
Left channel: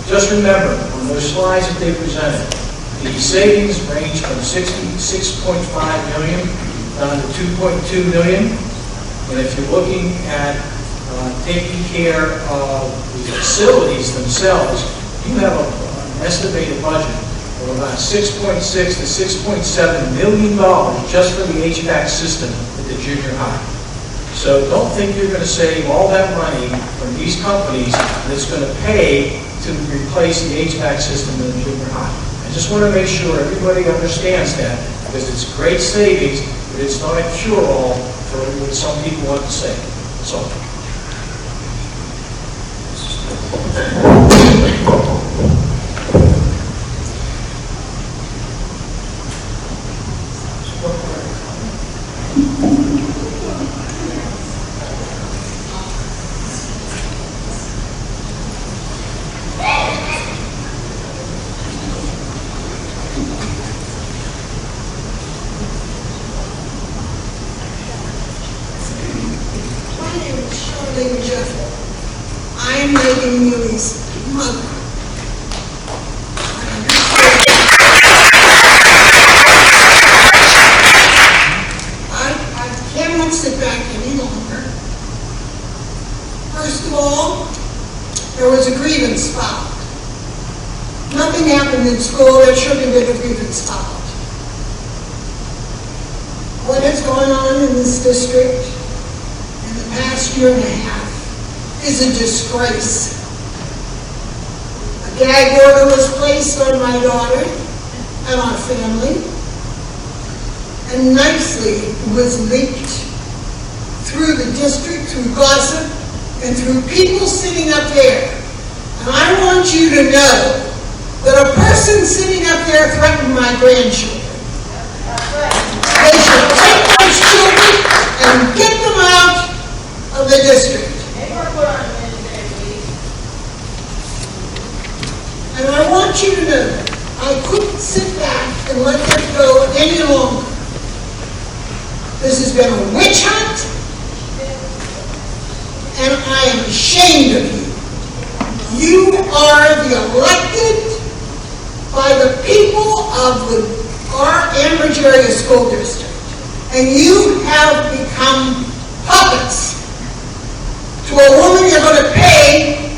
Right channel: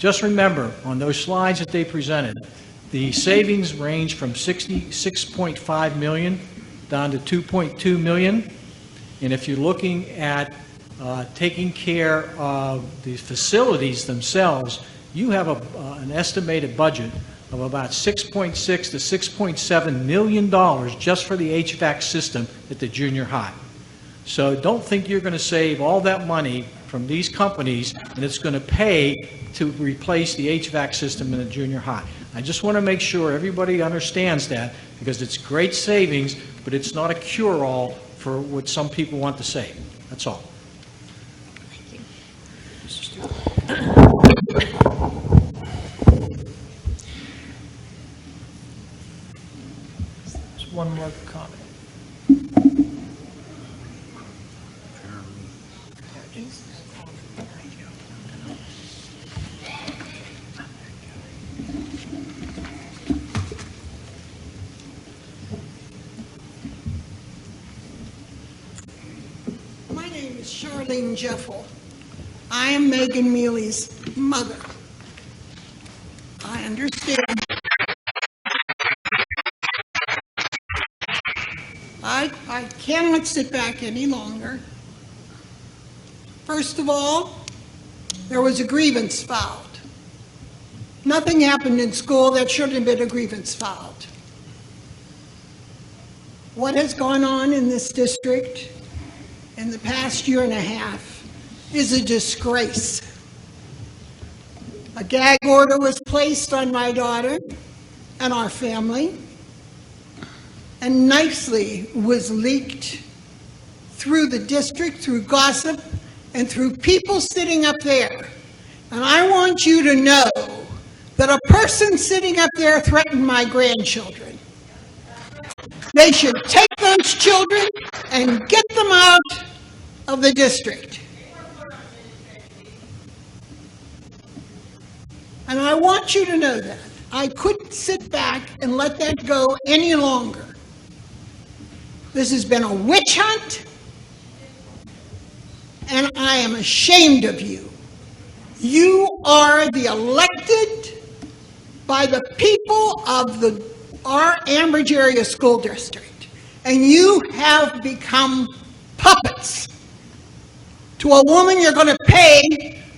Just remember, on those slides that they presented, the savings range from $66.5 million down to $2.2 million. And if you're looking at taking care of the facilities themselves, you have an estimated budget of about $6.6 to $6.7 million just for the HVAC system at the junior high. So don't think you're going to save all that money from these companies that's going to pay to replace the HVAC system in the junior high. I just want to make sure everybody understands that, because it's great savings, but it's not a cure-all for what some people want to say. That's all. I'm making movies. Mother. I cannot sit back any longer. First of all, there was a grievance filed. Nothing happened in the school, there should have been a grievance filed. What has gone on in this district in the past year and a half is a disgrace. A gag order was placed on my daughter and our family, and nicely was leaked through through gossip, and through people sitting up there. And I want you to know that a person sitting up there threatened my grandchildren. They should take those children and get them out of the district. And I want you to know, I couldn't sit back and let that go any longer. This has been a witch hunt, and I am ashamed of you. You are the elected by the people of our Ambridge Area School District, and you have become puppets to a woman you're going to pay.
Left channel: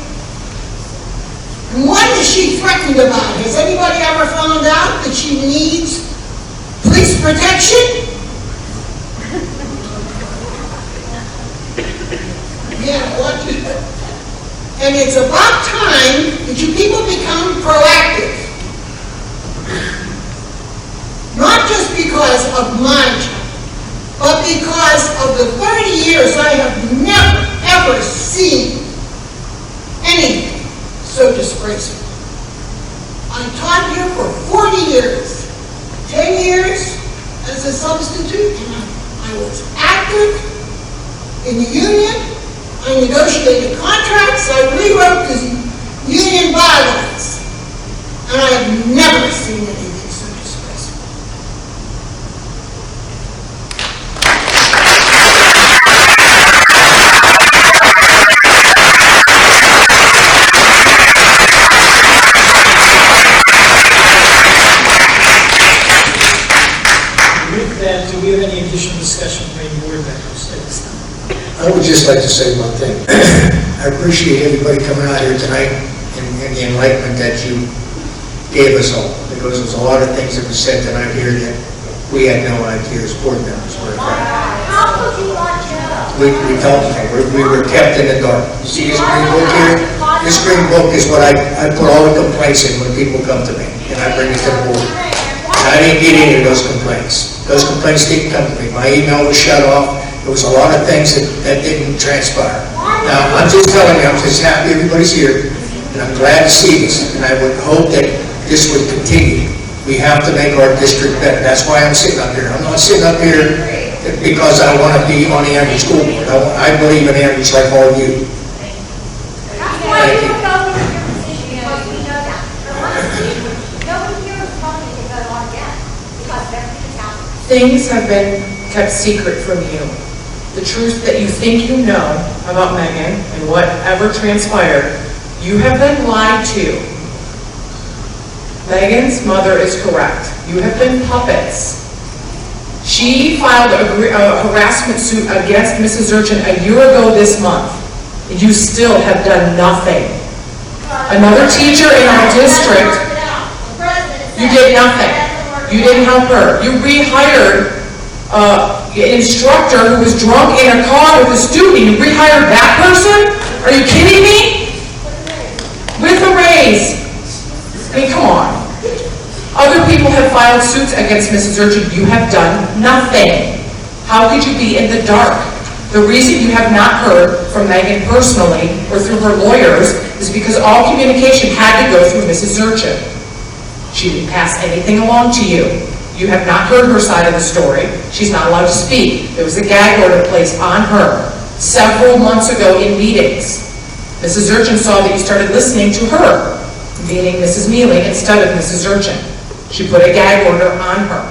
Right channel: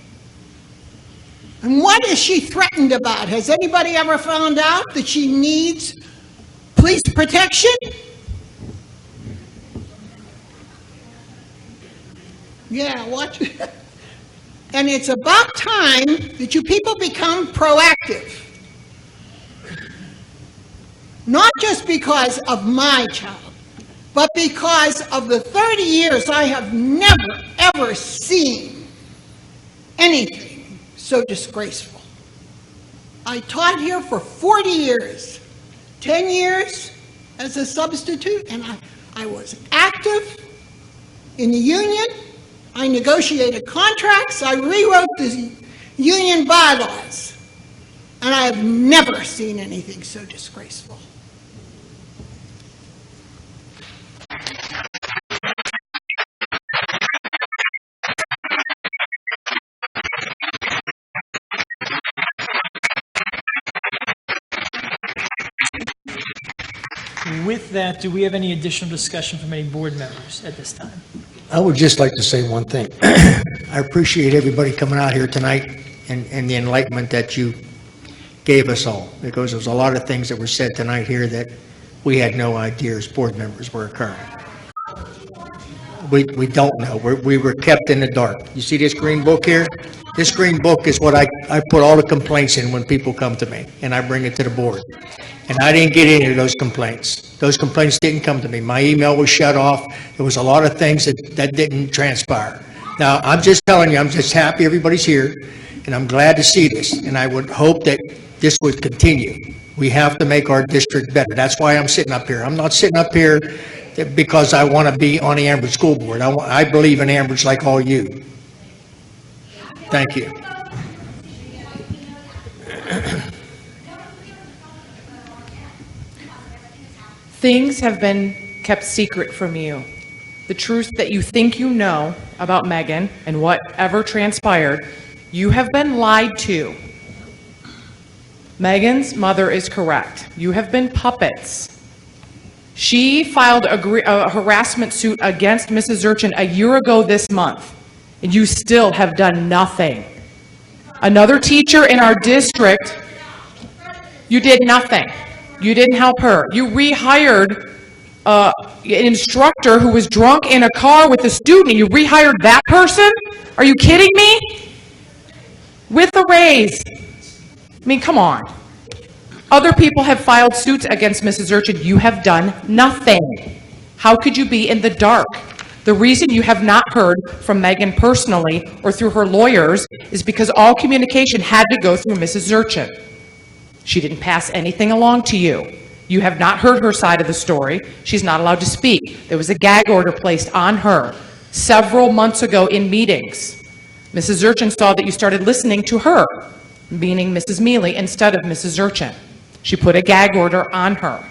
And what is she threatened about? Has anybody ever found out that she needs police protection? Yeah, well, and it's about time that you people become proactive. Not just because of my job, but because of the 30 years I have never, ever seen anything so disgraceful. I taught here for 40 years, 10 years as a substitute. I was active in the union. I negotiated contracts. I rewrote the union bylaws. And I've never seen anything so disgraceful. With that, do we have any additional discussion from any board members? I would just like to say one thing. I appreciate everybody coming out here tonight and the enlightenment that you gave us all. Because there's a lot of things that were said tonight here that we had no idea as board members were. We don't. We were kept in the dark. You see this green book here? This green book is what I put all the complaints in when people come to me, and I bring it to the board. And I didn't get any of those complaints. Those complaints didn't come to me. My email was shut off. There was a lot of things that didn't transpire. Now, I'm just telling you, I'm just happy everybody's here, and I'm glad to see this, and I would hope that this would continue. We have to make our district better. That's why I'm sitting up here. I'm not sitting up here because I don't want to be on the Ambridge school. No, I believe in Ambridge like all of you. Thank you. Things have been kept secret from you. The truth that you think you know about Megan and whatever transpired, you have been lied to. Megan's mother is correct. You have been puppets. She filed a harassment suit against Mrs. Urchin a year ago this month, and you still have done nothing. Another teacher in our district, you did nothing. You didn't help her. You rehired an instructor who was drunk in a car with a student. You rehired that person? Are you kidding me? With the raise. I mean, come on. Other people have filed suits against Mrs. Urchin. You have done nothing. How could you be in the dark? The reason you have not heard from Megan personally or through her lawyers is because all communication had to go through Mrs. Urchin. She didn't pass anything along to you. You have not heard her side of the story. She's not allowed to speak. There was a gag order placed on her several months ago in meetings. Mrs. Urchin saw that you started listening to her, meaning Mrs. Mealy instead of Mrs. Urchin. She put a gag order on her.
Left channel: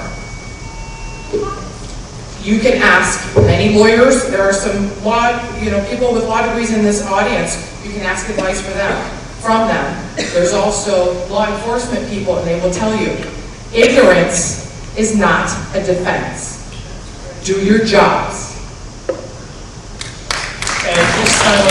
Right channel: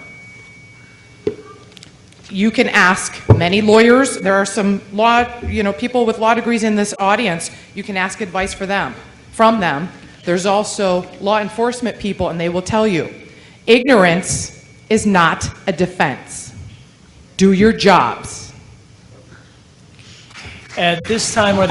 You can ask many lawyers. There are some law, people with law degrees in this audience. You can ask advice from them. There's also law enforcement people, and they will tell you, ignorance is not a defense. Do your jobs. And at this time,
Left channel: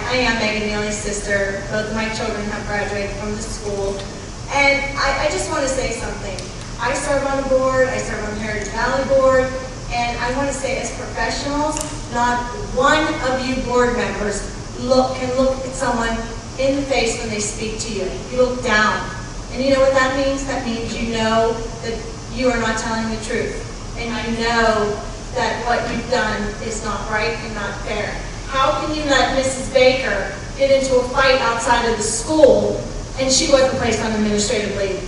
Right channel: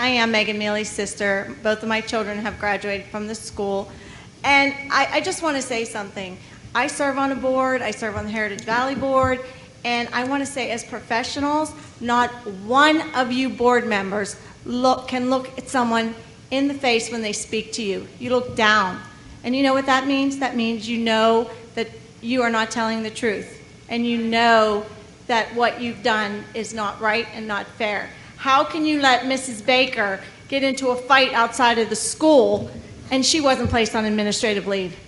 I am Megan Neely's sister. Both of my children have graduated from the school. And I just want to say something. I serve on a board, I serve on the Heritage Valley Board, and I want to say as professionals, not one of you board members can look at someone in the face when they speak to you. You look down. And you know what that means? That means you know that you are not telling the truth. And you know that what you've done is not right and not fair. How can you let Mrs. Baker get into a fight outside of the school and she wasn't placed on administrative leave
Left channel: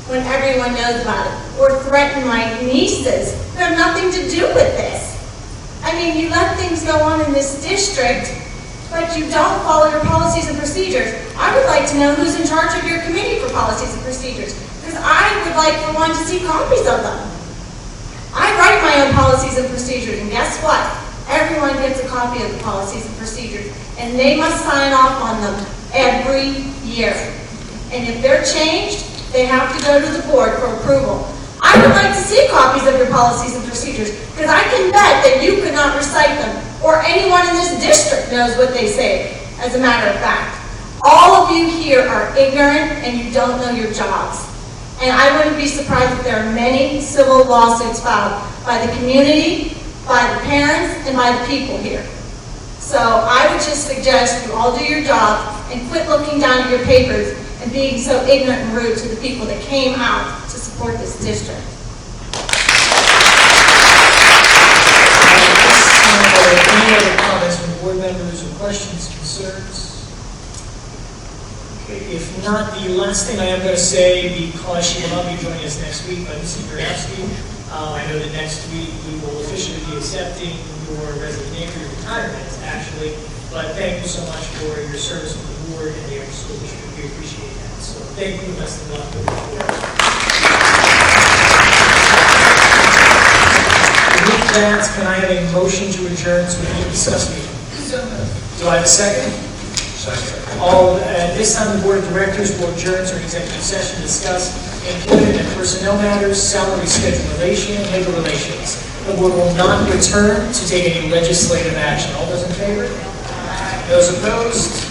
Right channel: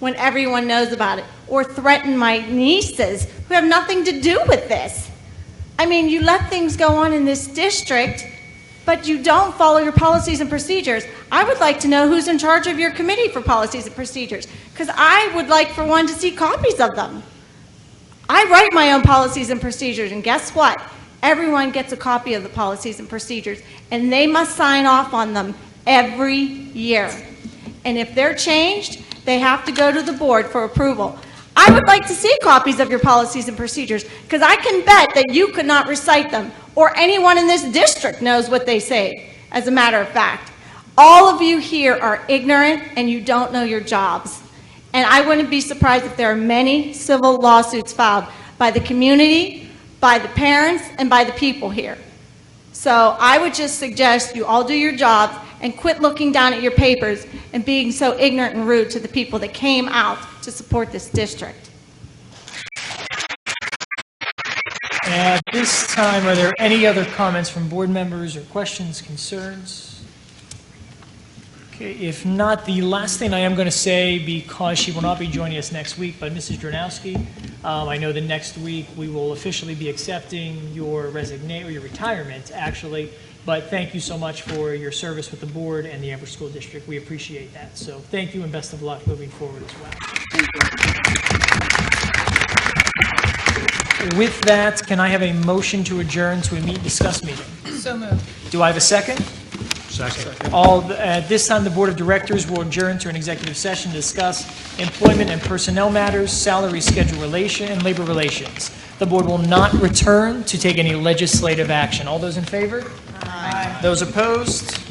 when everyone knows about it? Or threaten my nieces who have nothing to do with this? I mean, you let things go on in this district, but you don't follow your policies and procedures. I would like to know who's in charge of your committee for policies and procedures, because I would like for one to see copies of them. I write my own policies and procedures, and guess what? Everyone gets a copy of the policies and procedures, and they must sign off on them every year. And if they're changed, they have to go to the board for approval. I would like to see copies of your policies and procedures, because I can bet that you could not recite them, or anyone in this district knows what they say, as a matter of fact. All of you here are ignorant, and you don't know your jobs. And I wouldn't be surprised if there are many civil lawsuits filed by the community, by the parents, and by the people here. So I would just suggest you all do your job and quit looking down at your papers and being so ignorant and rude to the people that came out to support this district. Any other comments from board members or questions, concerns? Okay, if not, the last thing I am going to say, because she will not be joining us next week, but Mrs. Jordowski, I know that next week we will officially be accepting your resignation, your retirement, actually. But thank you so much for your service to the board and the Amherst School District. We appreciate that. So thank you and best of luck with your future. With that, can I have a motion to adjourn to a subcommittee? Do I have a second? Second. At this time, the Board of Directors will adjourn to an executive session to discuss employment and personnel matters, salary, schedule relation, and labor relations. The board will not return to take any legislative action. All those in favor? Those opposed?